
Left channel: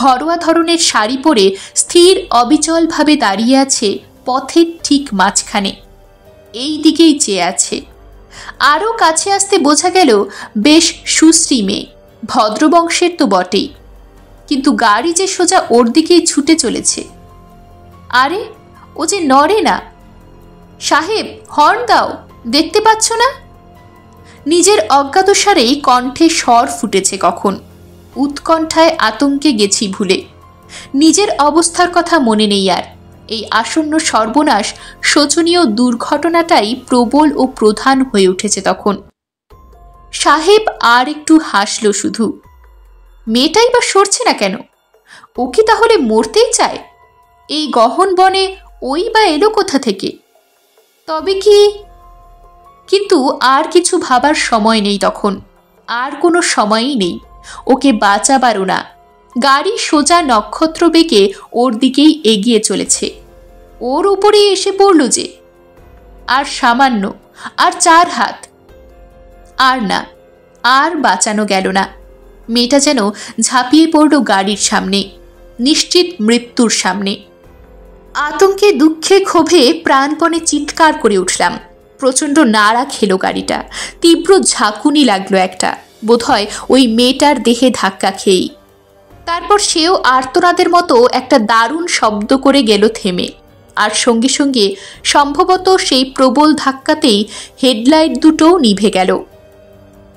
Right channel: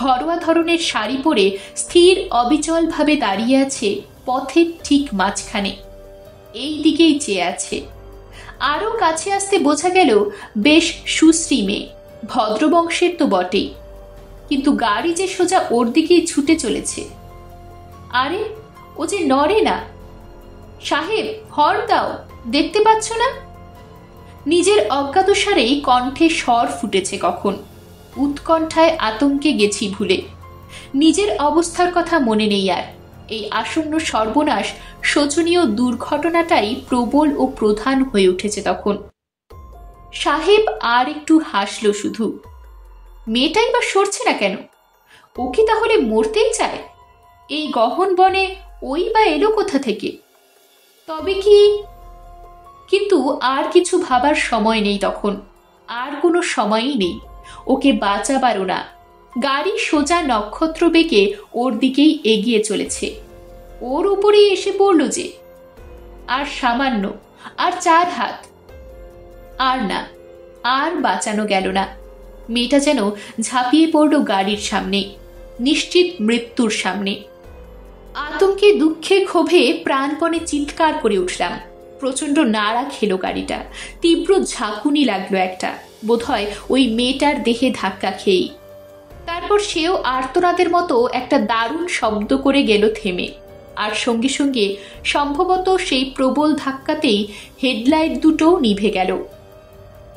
ঘরোয়া ধরনের শাড়ি পরে স্থির অবিচলভাবে দাঁড়িয়ে আছে পথের ঠিক মাঝখানে, এই দিকেই চেয়ে আছে। আরও কাছে আসতে বোঝা গেল বেশ সুশ্রী মেয়ে, ভদ্রবংশের তো বটেই, কিন্তু গাড়ি যে সোজা ওর দিকেই ছুটে চলেছে। আরে ও যে নড়ে না। সাহেব, হর্ন দাও, দেখতে পাচ্ছ না? নিজের অজ্ঞাতসারেই কণ্ঠে স্বর ফুটেছে কখন। উৎকণ্ঠায় আতঙ্কে গেছি ভুলে। নিজের অবস্থার কথা মনে নেই আর। এই আসন্ন সর্বনাশ, শোচনীয় দুর্ঘটনাটাই প্রবল ও প্রধান হয়ে উঠেছে তখন। সাহেব আর একটু হাসল শুধু। মেয়েটাই বা সরছে না কেন? ও কি তাহলে মরতেই চায়? এই গহন বনে ওই বা এলো কোথা থেকে? তবে কি? কিন্তু আর কিছু ভাবার সময় নেই তখন, আর কোনো সময়ই নেই। ওকে বাঁচাবারও না। গাড়ি সোজা নক্ষত্র বেগে ওর দিকেই এগিয়ে চলেছে। ওর উপরেই এসে পড়ল যে। আর সামান্য, আর 4 হাত। আর না, আর বাঁচানো গেল না। মেয়েটা যেন ঝাঁপিয়ে পড়ল গাড়ির সামনে, নিশ্চিত মৃত্যুর সামনে। আতঙ্কে দুঃখে ক্ষোভে প্রাণপণে চিৎকার করে উঠলাম। প্রচণ্ড নাড়া খেলো গাড়িটা, তীব্র ঝাঁকুনি লাগলো একটা, বোধহয় ওই মেয়েটার দেহে ধাক্কা খেয়েই। তারপর সেও আর্তনাদের মতো একটা দারুণ শব্দ করে গেল থেমে, আর সঙ্গে সঙ্গে সম্ভবত সেই প্রবল ধাক্কাতেই হেডলাইট দুটোও নিভে গেল।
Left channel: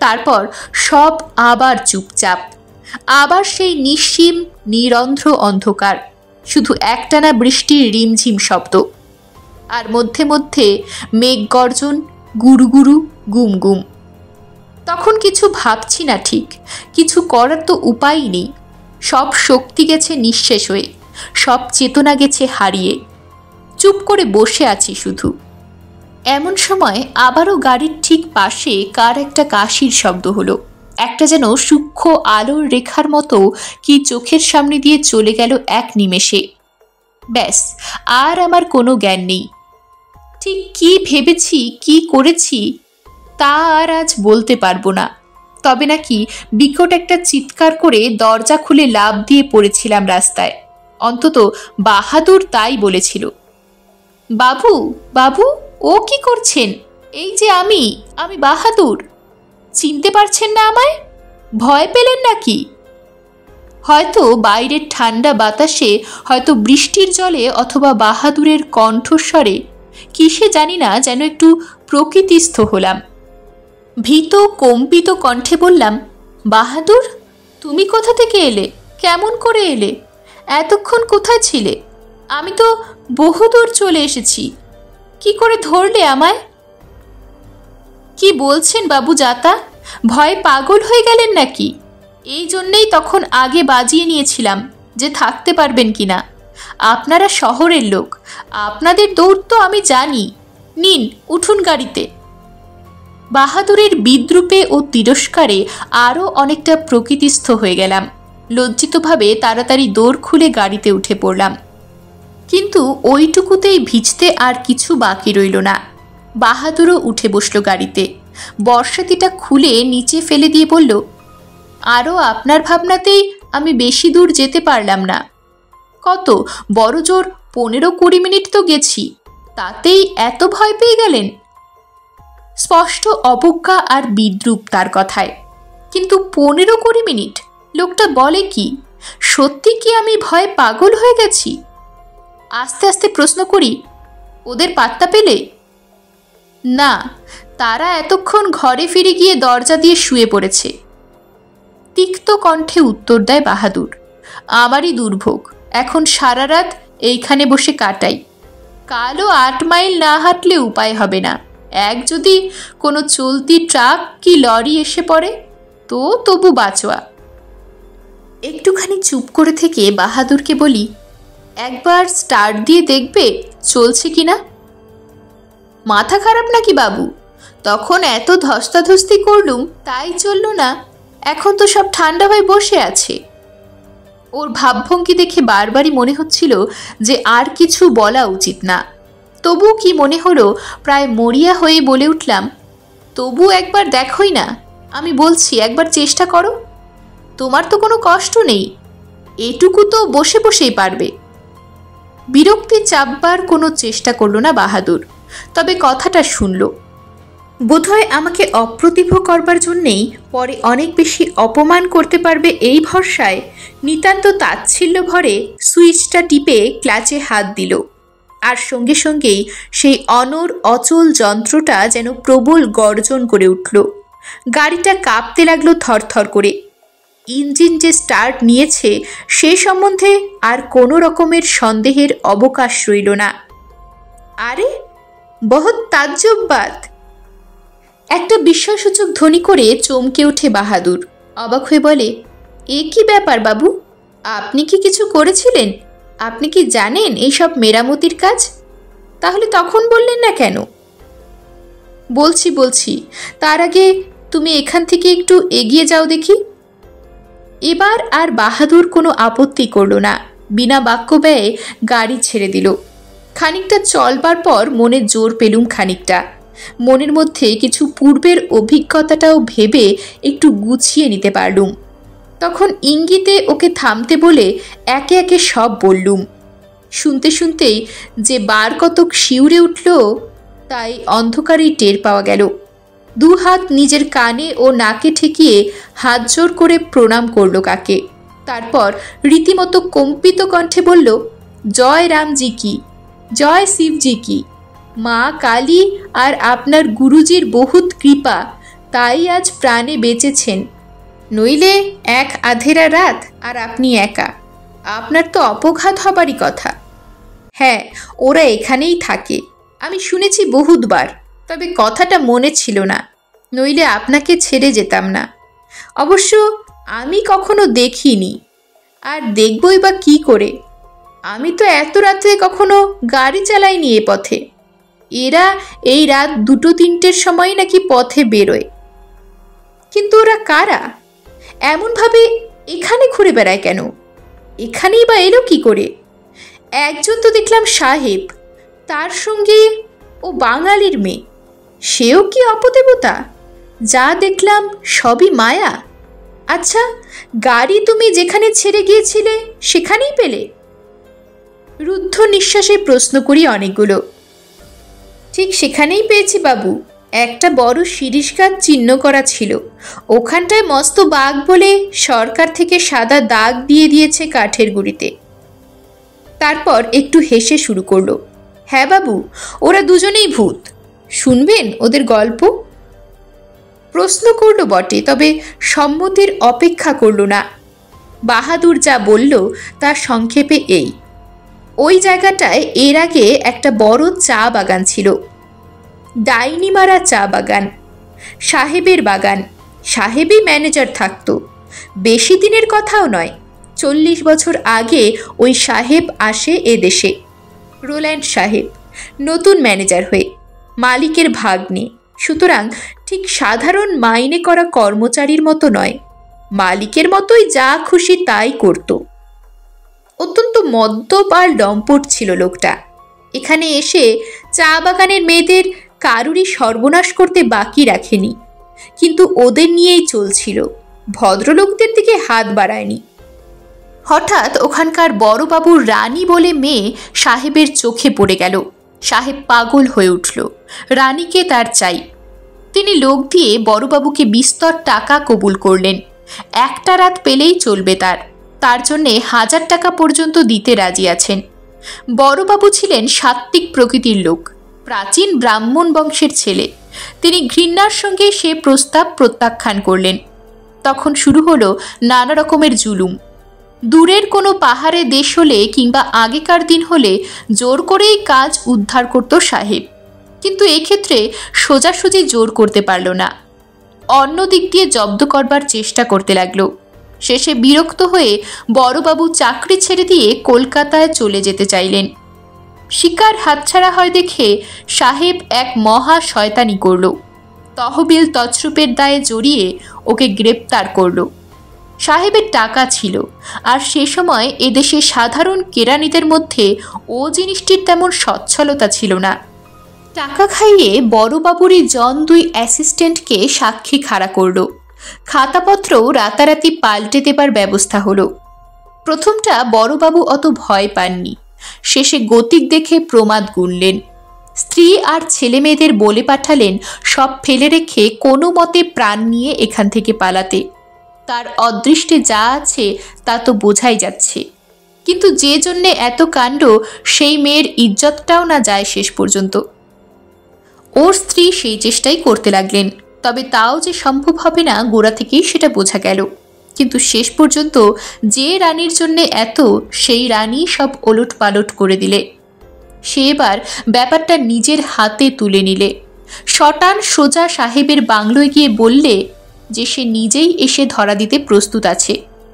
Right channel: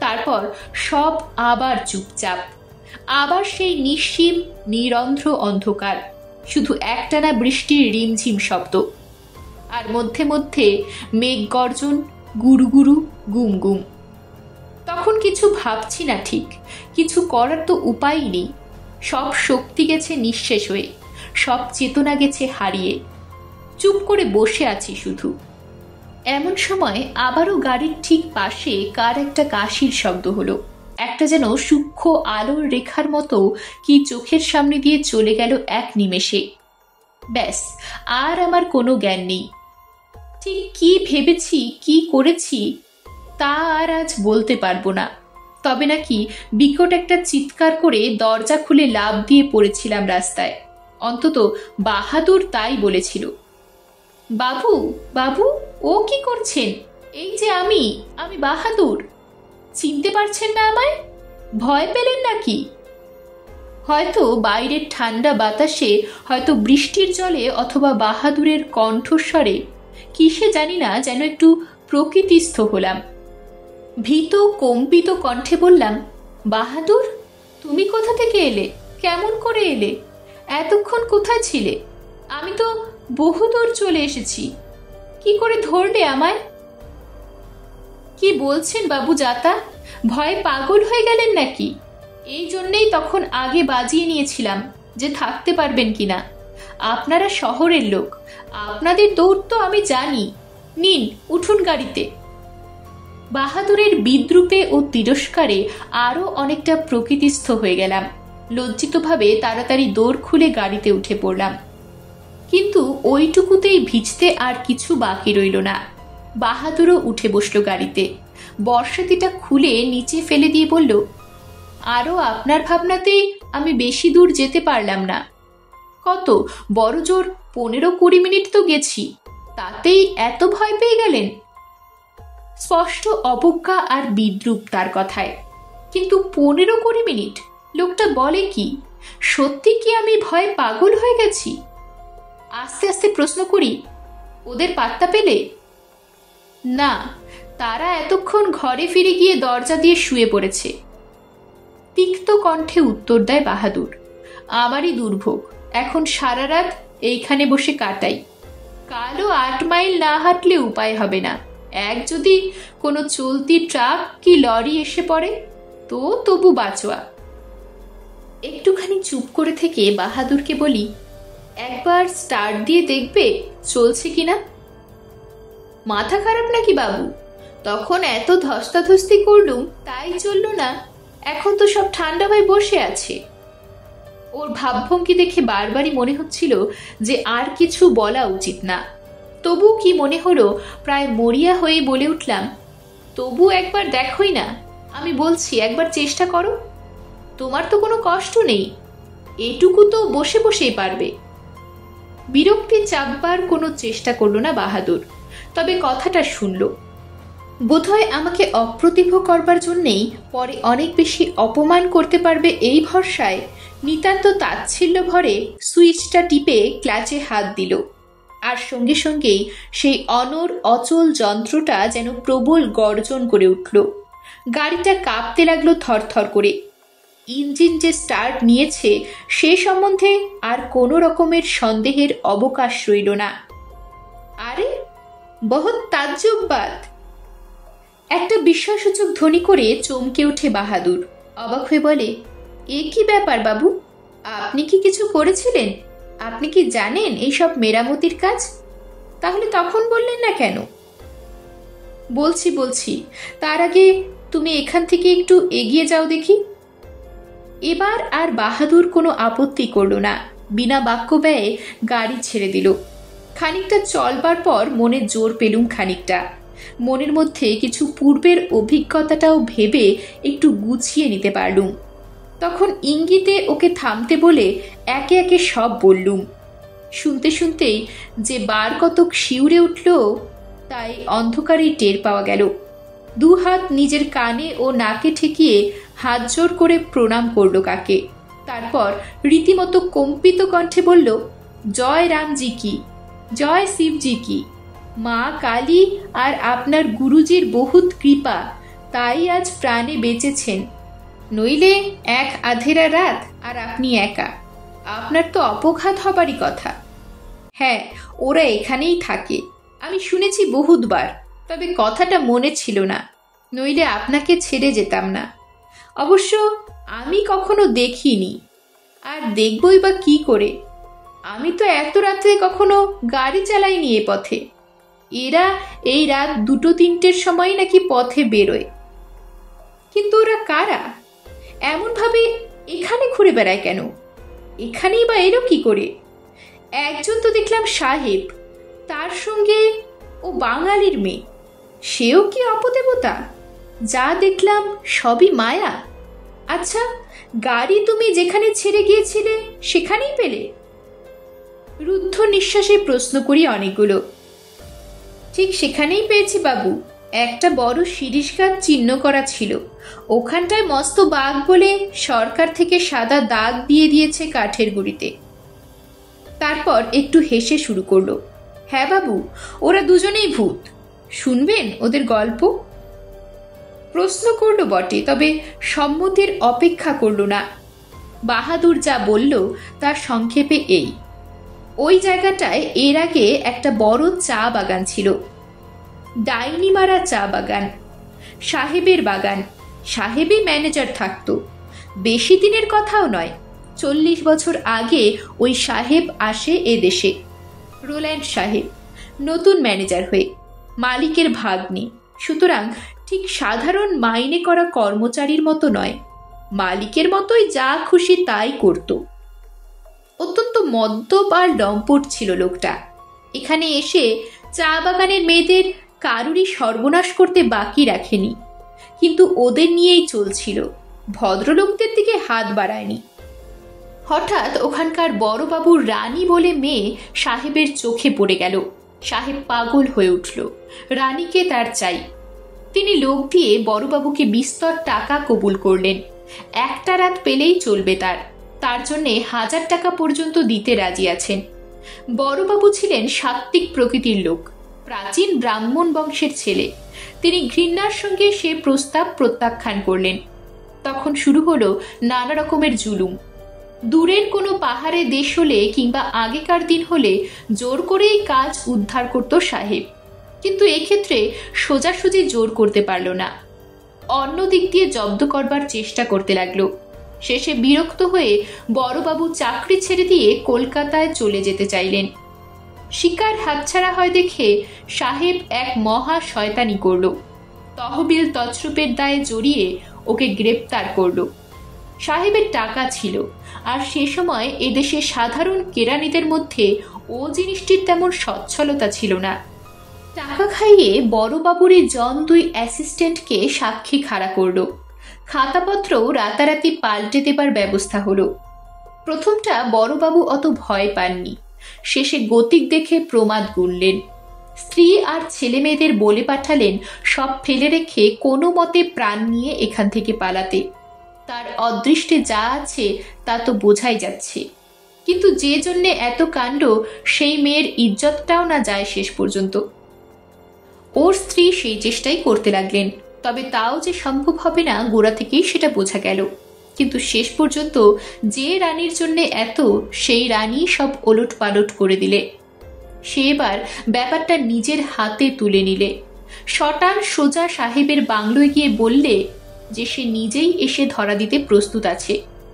তারপর সব আবার চুপচাপ, আবার সেই নিশ্চিম নিরন্ধ্র অন্ধকার, শুধু একটানা বৃষ্টির রিমঝিম শব্দ, আর মধ্যে মধ্যে মেঘ গর্জন, গুরু গুরু, গুম গুম। তখন কিছু ভাবছি না, ঠিক কিছু করার তো উপায়ই নেই। সব শক্তি গেছে নিঃশেষ হয়ে, সব চেতনা গেছে হারিয়ে, চুপ করে বসে আছি শুধু। এমন সময় আবারও গাড়ির ঠিক পাশে কার একটা কাশির শব্দ হলো। একটা যেন সূক্ষ্ম আলোর রেখার মতো কি চোখের সামনে দিয়ে চলে গেল এক নিমেষে। ব্যাস, আর আমার কোনো জ্ঞান নেই। ঠিক কি ভেবেছি, কি করেছি তা আর আজ বলতে পারবো না। তবে নাকি বিকট একটা চিৎকার করে দরজা খুলে লাফ দিয়ে পড়েছিলাম রাস্তায়। অন্তত বাহাদুর তাই বলেছিল। বাবু, বাবু, ও কি করছেন? এই যে আমি বাহাদুর। চিনতে পারছেন না আমায়? ভয় পেলেন নাকি? হয়তো বাইরের ঠান্ডা বাতাসে, হয়তো বৃষ্টির জলে, অথবা বাহাদুরের কণ্ঠস্বরে, কিসে জানি না, যেন একটু প্রকৃতিস্থ হলাম। ভীত কম্পিত কণ্ঠে বললাম, বাহাদুর, তুমি কোথা থেকে এলে? কেমন করে এলে? এতক্ষণ কোথায় ছিলে? আমি তো বহুদূর চলে এসেছি। কি করে ধরলে আমায়? কি বলছেন বাবু জাতা? ভয়ে পাগল হয়ে গেলেন নাকি? এই জন্যেই তখন আগে বাজিয়ে নিয়েছিলাম যে থাকতে পারবেন কিনা। আপনারা শহরের লোক, আপনাদের দৌড় তো আমি জানি। নিন, উঠুন গাড়িতে। বাহাদুরের বিদ্রূপে ও তিরস্কারে আরও অনেকটা প্রকৃতিস্থ হয়ে গেলাম। লজ্জিতভাবে তাড়াতাড়ি দৌড় খুলে গাড়িতে উঠে পড়লাম। কিন্তু ওইটুকুতেই ভিজতে আর কিছু বাকি রইল না। বাহাদুরও উঠে বসল গাড়িতে, বর্ষাতিটা খুলে নিচে ফেলে দিয়ে বলল, আরও আপনার ভাবনাতেই আমি বেশি দূর যেতে পারলাম না। কত বড় জোর 15-20 মিনিট তো গেছি, তাতেই এত ভয় পেয়ে গেলেন? স্পষ্ট অবজ্ঞা আর বিদ্রূপ তার কথায়। কিন্তু 15-20 মিনিট, লোকটা বলে কি? সত্যি কি আমি ভয়ে পাগল হয়ে গেছি? আস্তে আস্তে প্রশ্ন করি, ওদের পাত্তা পেলে? না, তারা এতক্ষণ ঘরে ফিরে গিয়ে দরজা দিয়ে শুয়ে পড়েছে। তিক্ত কণ্ঠে উত্তর দেয় বাহাদুর, আমারই দুর্ভোগ, এখন সারা রাত এইখানে বসে কাটাই। কালও 8 মাইল না হাঁটলে উপায় হবে না। এক যদি কোনো চলতি ট্রাক কি লরি এসে পড়ে তো তবু বাঁচোয়া। একটুখানি চুপ করে থেকে বাহাদুরকে বলি, একবার স্টার্ট দিয়ে দেখবে চলছে কিনা? মাথা খারাপ নাকি বাবু? তখন এত ধস্তাধস্তি করলুম, তাই চলল না। এখন তো সব ঠান্ডা হয়ে বসে আছে। ওর ভাবভঙ্গি দেখে বারবারই মনে হচ্ছিল যে আর কিছু বলা উচিত না। তবু কি মনে হলো, প্রায় মরিয়া হয়ে বলে উঠলাম, তবু একবার দেখোই না, আমি বলছি, একবার চেষ্টা করো। তোমার তো কোনো কষ্ট নেই, এটুকু তো বসে বসেই পারবে। বিরক্তি চাপবার কোনো চেষ্টা করল না বাহাদুর, তবে কথাটা শুনল। বোধহয় আমাকে অপ্রতিভ করবার জন্যেই পরে অনেক বেশি অপমান করতে পারবে এই ভরসায় নিতান্ত তাচ্ছিল্য ভরে সুইচটা টিপে ক্লাচে হাত দিল। আর সঙ্গে সঙ্গেই সেই অনড় অচল যন্ত্রটা যেন প্রবল গর্জন করে উঠল। গাড়িটা কাঁপতে লাগলো থরথর করে। ইঞ্জিন যে স্টার্ট নিয়েছে সে সম্বন্ধে আর কোনো রকমের সন্দেহের অবকাশ রইল না। আরে বহুত তাজ্জব বাত! একটা বিস্ময়সূচক ধ্বনি করে চমকে ওঠে বাহাদুর। অবাক হয়ে বলে, এ কি ব্যাপার বাবু? আপনি কি কিছু করেছিলেন? আপনি কি জানেন এইসব মেরামতির কাজ? তাহলে তখন বললেন না কেন? বলছি, তার আগে তুমি এখান থেকে একটু এগিয়ে যাও দেখি। এবার আর বাহাদুর কোনো আপত্তি করল না, বিনা বাক্য ব্যয়ে গাড়ি ছেড়ে দিল। খানিকটা চলবার পর মনে জোর পেলুম খানিকটা। মনের মধ্যে কিছু পূর্বের অভিজ্ঞতাটাও ভেবে একটু গুছিয়ে নিতে পারলুম। তখন ইঙ্গিতে ওকে থামতে বলে একে একে সব বললুম। শুনতে শুনতেই যে বার কতক শিউরে উঠল তাই অন্ধকারেই টের পাওয়া গেল। দু হাত নিজের কানে ও নাকে ঠেকিয়ে হাত জোর করে প্রণাম করল কাকে। তারপর রীতিমতো কম্পিত কণ্ঠে বলল, জয় রামজি কি, জয় শিবজি কি, মা কালী আর আপনার গুরুজির বহুত কৃপা, তাই আজ প্রাণে বেঁচেছেন, নইলে এক আধেরা রাত আর আপনি একা, আপনার তো অপঘাত হবারই কথা। হ্যাঁ, ওরা এখানেই থাকে, আমি শুনেছি বহুতবার, তবে কথাটা মনে ছিল না, নইলে আপনাকে ছেড়ে যেতাম না। অবশ্য আমি কখনো দেখিনি, আর দেখবই বা কি করে, আমি তো এত রাত্রে কখনো গাড়ি চালাইনি এ পথে। এরা এই রাত 2-3টের সময় নাকি পথে বেরোয়। কিন্তু ওরা কারা? এমনভাবে এখানে ঘুরে বেড়ায় কেন? এখানেই বা এলো কি করে? একজন তো দেখলাম সাহেব, তার সঙ্গে ও বাঙালির মেয়ে, সেও কি অপদেবতা? যা দেখলাম সবই মায়া। আচ্ছা, গাড়ি তুমি যেখানে ছেড়ে গিয়েছিলে সেখানেই পেলে? রুদ্ধ নিঃশ্বাসে প্রশ্ন করি অনেকগুলো। ঠিক সেখানেই পেয়েছি বাবু, একটা বড় শিরিষ গাছ চিহ্ন করা ছিল, ওখানটায় মস্ত বাঘ বলে সরকার থেকে সাদা দাগ দিয়ে দিয়েছে কাঠের গুঁড়িতে। তারপর একটু হেসে শুরু করলো, হ্যাঁ বাবু, ওরা দুজনেই ভূত, শুনবেন ওদের গল্প? প্রশ্ন করলো বটে, তবে সম্মতির অপেক্ষা করল না। বাহাদুর যা বলল তার সংক্ষেপে এই, ওই জায়গাটায় এর আগে একটা বড় চা বাগান ছিল, ডাইনিমারা চা বাগান, সাহেবের বাগান, সাহেবই ম্যানেজার থাকতো। বেশি দিনের কথাও নয়, 40 বছর আগে ওই সাহেব আসে এ দেশে, রোল্যান্ড সাহেব, নতুন ম্যানেজার হয়ে, মালিকের ভাগ্নে। সুতরাং ঠিক সাধারণ মাইনে করা কর্মচারীর মতো নয়, মালিকের মতোই যা খুশি তাই করত। অত্যন্ত মদ্যপ আর লম্পট ছিল লোকটা। এখানে এসে চা বাগানের মেয়েদের কারুরই সর্বনাশ করতে বাকি রাখেনি, কিন্তু ওদের নিয়েই চলছিল, ভদ্রলোকদের দিকে হাত বাড়ায়নি। হঠাৎ ওখানকার বড়বাবুর রানী বলে মেয়ে সাহেবের চোখে পড়ে গেল। সাহেব পাগল হয়ে উঠল, রানীকে তার চাই। তিনি লোক দিয়ে বড়বাবুকে বিস্তর টাকা কবুল করলেন, একটা রাত পেলেই চলবে তার জন্যে 1000 টাকা পর্যন্ত দিতে রাজি আছেন। বড়বাবু ছিলেন সাত্ত্বিক প্রকৃতির লোক, প্রাচীন ব্রাহ্মণ বংশের ছেলে। তিনি ঘৃণার সঙ্গে সে প্রস্তাব প্রত্যাখ্যান করলেন। তখন শুরু হলো নানা রকমের জুলুম। দূরের কোনো পাহাড়ে দেশ হলে কিংবা আগেকার দিন হলে জোর করেই কাজ উদ্ধার করত সাহেব, কিন্তু এক্ষেত্রে সোজাসুজি জোর করতে পারল না। অন্য দিক দিয়ে জব্দ করবার চেষ্টা করতে লাগলো। শেষে বিরক্ত হয়ে বড়বাবু চাকরি ছেড়ে দিয়ে কলকাতায় চলে যেতে চাইলেন। শিকার হাতছাড়া হয় দেখে সাহেব এক মহা শয়তানি করল, তহবিল তছরূপের দায়ে জড়িয়ে ওকে গ্রেপ্তার করল। সাহেবের টাকা ছিল, আর সে সময় এদেশে সাধারণ কেরানিদের মধ্যে ও জিনিসটির তেমন সচ্ছলতা ছিল না। টাকা খাইয়ে বড়বাবুরই জন 2 অ্যাসিস্ট্যান্টকে সাক্ষী খাড়া করল। খাতাপত্র রাতারাতি পাল্টে দেবার ব্যবস্থা হলো। প্রথমটা বড়বাবু অত ভয় পাননি, শেষে গতিক দেখে প্রমাদ গুনলেন। স্ত্রী আর ছেলে মেয়েদের বলে পাঠালেন সব ফেলে রেখে কোনো মতে প্রাণ নিয়ে এখান থেকে পালাতে। তার অদৃষ্টে যা আছে তা তো বোঝাই যাচ্ছে, কিন্তু যে জন্যে এত কাণ্ড সেই মেয়ের ইজ্জতটাও না যায় শেষ পর্যন্ত। ওর স্ত্রী সেই চেষ্টাই করতে লাগলেন, তবে তাও যে সম্ভব হবে না গোড়া থেকেই সেটা বোঝা গেল। কিন্তু শেষ পর্যন্ত যে রানীর জন্যে এত, সেই রানী সব ওলট পালট করে দিলে। সে এবার ব্যাপারটা নিজের হাতে তুলে নিলে। শটান সোজা সাহেবের বাংলোয় গিয়ে বললে যে সে নিজেই এসে ধরা দিতে প্রস্তুত আছে,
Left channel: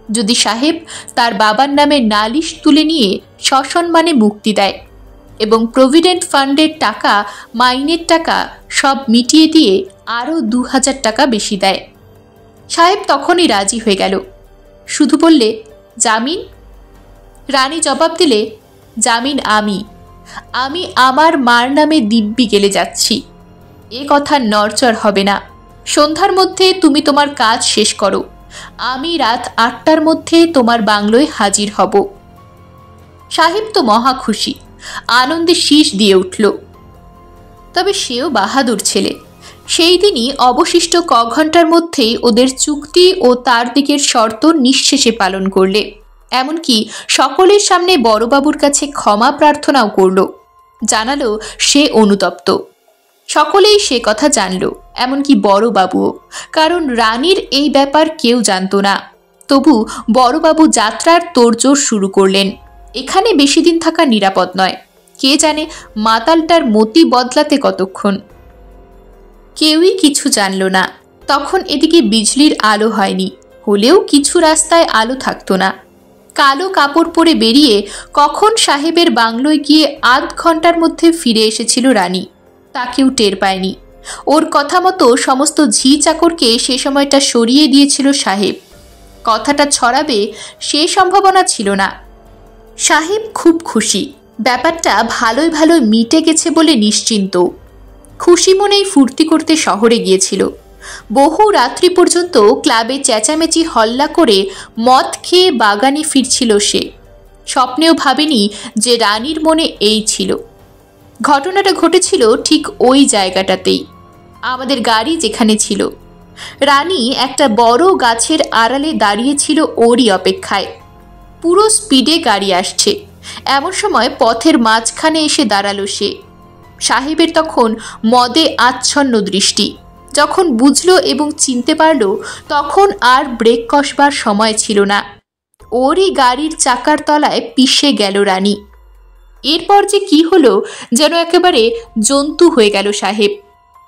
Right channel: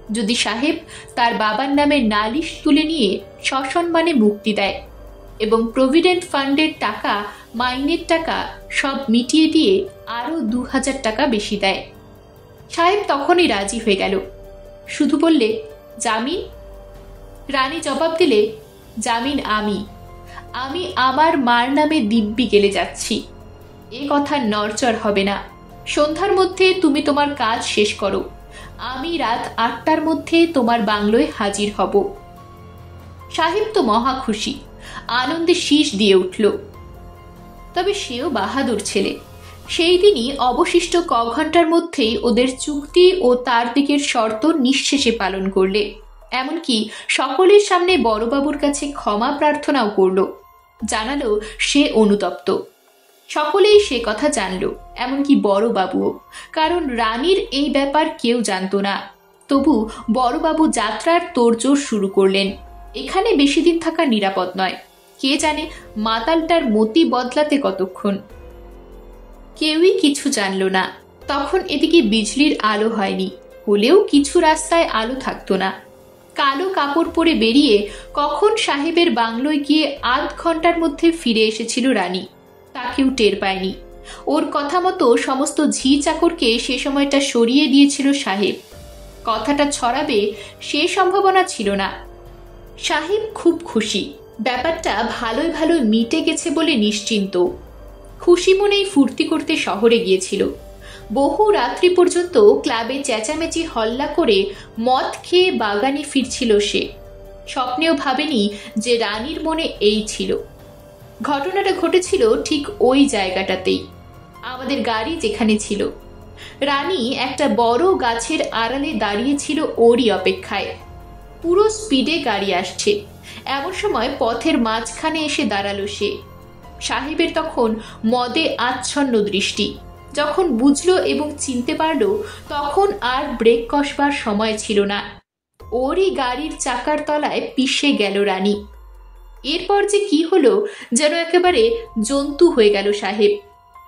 যদি সাহেব তার বাবার নামে নালিশ তুলে নিয়ে সসম্মানে মুক্তি দেয় এবং প্রভিডেন্ট ফান্ডের টাকা, মাইনের টাকা সব মিটিয়ে দিয়ে আরও 2000 টাকা বেশি দেয়। সাহেব তখনই রাজি হয়ে গেল, শুধু বললে, জামিন? রানী জবাব দিলে, জামিন আমি আমার মার নামে দিব্যি গেলে যাচ্ছি, এ কথা নড়চড় হবে না। সন্ধ্যার মধ্যে তুমি তোমার কাজ শেষ করো, আমি রাত 8টার মধ্যে তোমার বাংলোয় হাজির হব। সাহেব তো মহা খুশি, আনন্দে শীষ দিয়ে উঠল। তবে সেও বাহাদুর ছেলে। সেই দিনই অবশিষ্ট ঘন্টার মধ্যেই ওদের চুক্তি ও তার দিকের শর্ত নিঃশেষে পালন করলে, এমনকি সকলের সামনে বড়বাবুর কাছে ক্ষমা প্রার্থনাও করল। জানালো সে অনুতপ্ত। সকলেই সে কথা জানল, এমনকি বড়বাবুও, কারণ রানীর এই ব্যাপার কেউ জানত না। তবু বড়বাবু যাত্রার তোড়জোড় শুরু করলেন। এখানে বেশি দিন থাকা নিরাপদ নয়, কে জানে মাতালটার মতি বদলাতে কতক্ষণ। কেউই কিছু জানল না। তখন এদিকে বিজলির আলো হয়নি, হলেও কিছু রাস্তায় আলো থাকতো না। কালো কাপড় পরে বেরিয়ে কখন সাহেবের বাংলোয় গিয়ে আধ ঘন্টার মধ্যে ফিরে এসেছিল রানী, তা কেউ টের পায়নি। ওর কথা মতো সমস্ত ঝি চাকরকে সে সময়টা সরিয়ে দিয়েছিল সাহেব। কথাটা ছড়াবে সে সম্ভাবনা ছিল না। সাহেব খুব খুশি, ব্যাপারটা ভালোই ভালোই মিটে গেছে বলে নিশ্চিন্ত। খুশি মনেই ফুর্তি করতে শহরে গিয়েছিল। বহু রাত্রি পর্যন্ত ক্লাবে চেঁচামেচি হল্লা করে মদ খেয়ে বাগানে ফিরছিল সে। স্বপ্নেও ভাবেনি যে রানীর মনে এই ছিল। ঘটনাটা ঘটেছিল ঠিক ওই জায়গাটাতেই, আমাদের গাড়ি যেখানে ছিল। রানী একটা বড় গাছের আড়ালে দাঁড়িয়েছিল ওরই অপেক্ষায়। পুরো স্পিডে গাড়ি আসছে, এমন সময় পথের মাঝখানে এসে দাঁড়ালো সে। সাহেবের তখন মদে আচ্ছন্ন দৃষ্টি। যখন বুঝলো এবং চিনতে পারল, তখন আর ব্রেক কষবার সময় ছিল না। ওরই গাড়ির চাকার তলায় পিষে গেল রানী। এরপর যে কি হলো, যেন একেবারে জন্তু হয়ে গেল সাহেব।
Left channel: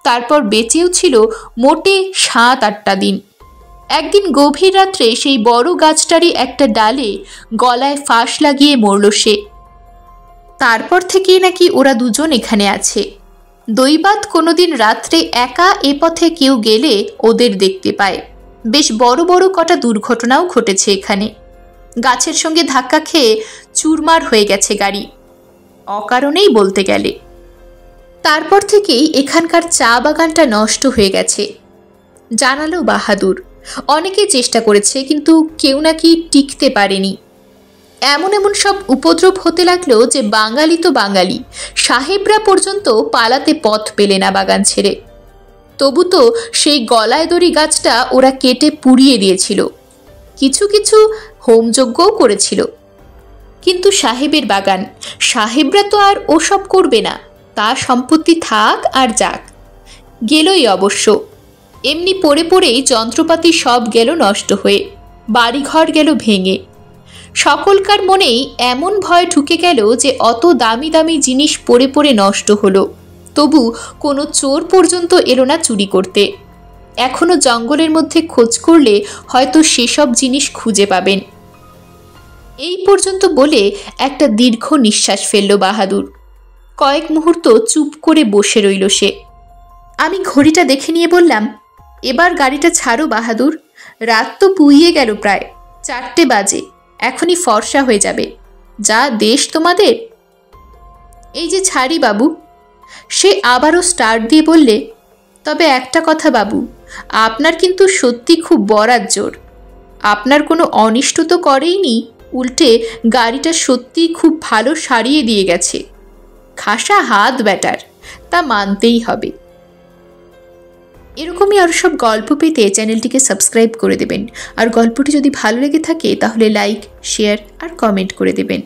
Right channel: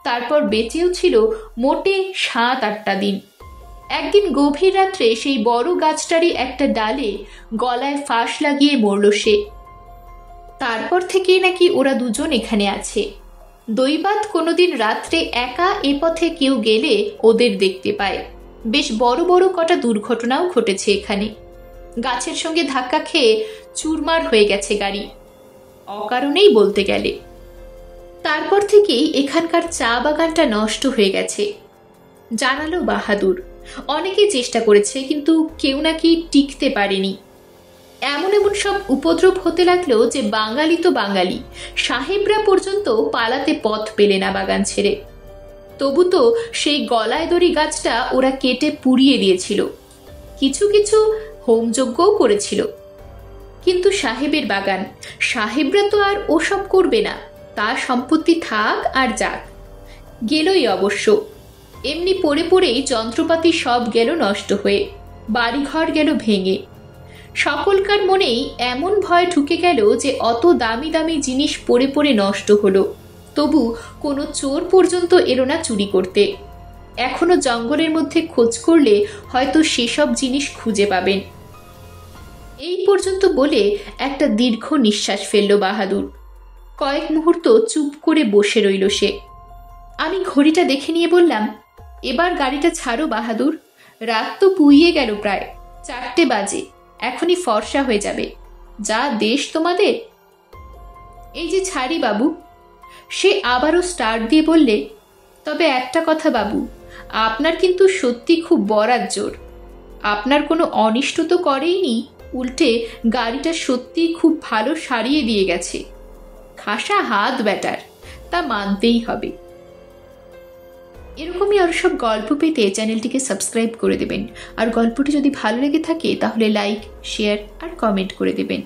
তারপর বেঁচেও ছিল মোটে 7-8টা দিন। একদিন গভীর রাত্রে সেই বড় গাছটারই একটা ডালে গলায় ফাঁস লাগিয়ে মরল সে। তারপর থেকেই নাকি ওরা দুজন এখানে আছে। দৈবাত কোনোদিন রাত্রে একা এ পথে কেউ গেলে ওদের দেখতে পায়। বেশ বড় বড় কটা দুর্ঘটনাও ঘটেছে এখানে। গাছের সঙ্গে ধাক্কা খেয়ে চুরমার হয়ে গেছে গাড়ি, অকারণেই বলতে গেলে। তারপর থেকেই এখানকার চা বাগানটা নষ্ট হয়ে গেছে, জানালো বাহাদুর। অনেকে চেষ্টা করেছে, কিন্তু কেউ নাকি টিকতে পারেনি। এমন এমন সব উপদ্রব হতে লাগলো যে বাঙালি তো বাঙালি, সাহেবরা পর্যন্ত পালাতে পথ পেলে না বাগান ছেড়ে। তবু তো সেই গলায় দড়ি গাছটা ওরা কেটে পুড়িয়ে দিয়েছিল, কিছু কিছু হোমযজ্ঞও করেছিল। কিন্তু সাহেবের বাগান, সাহেবরা তো আর ওসব করবে না। তার সম্পত্তি থাক আর যাক, গেলই অবশ্য। এমনি পড়ে পড়েই যন্ত্রপাতি সব গেল নষ্ট হয়ে, বাড়িঘর গেল ভেঙে। সকলকার মনেই এমন ভয় ঢুকে গেল যে অত দামি দামি জিনিস পড়ে পড়ে নষ্ট হলো, তবু কোনো চোর পর্যন্ত এলো না চুরি করতে। এখনো জঙ্গলের মধ্যে খোঁজ করলে হয়তো সেসব জিনিস খুঁজে পাবেন। এই পর্যন্ত বলে একটা দীর্ঘ নিঃশ্বাস ফেলল বাহাদুর। কয়েক মুহূর্ত চুপ করে বসে রইল সে। আমি ঘড়িটা দেখে নিয়ে বললাম, এবার গাড়িটা ছাড়ো বাহাদুর, রাত তো পুইয়ে গেল, প্রায় 4টে বাজে, এখনই ফর্সা হয়ে যাবে। যা দেশ তোমাদের। এই যে ছাড়ি বাবু। সে আবারও স্টার্ট দিয়ে বললে, তবে একটা কথা বাবু, আপনার কিন্তু সত্যি খুব বরাত জোর। আপনার কোনো অনিষ্ট তো করেইনি, উল্টে গাড়িটা সত্যিই খুব ভালো সারিয়ে দিয়ে গেছে। খাসা হাত ব্যাটার, তা মানতেই হবে। এরকমই আরও সব গল্প পেতে চ্যানেলটিকে সাবস্ক্রাইব করে দেবেন। আর গল্পটি যদি ভালো লেগে থাকে তাহলে লাইক, শেয়ার আর কমেন্ট করে দেবেন।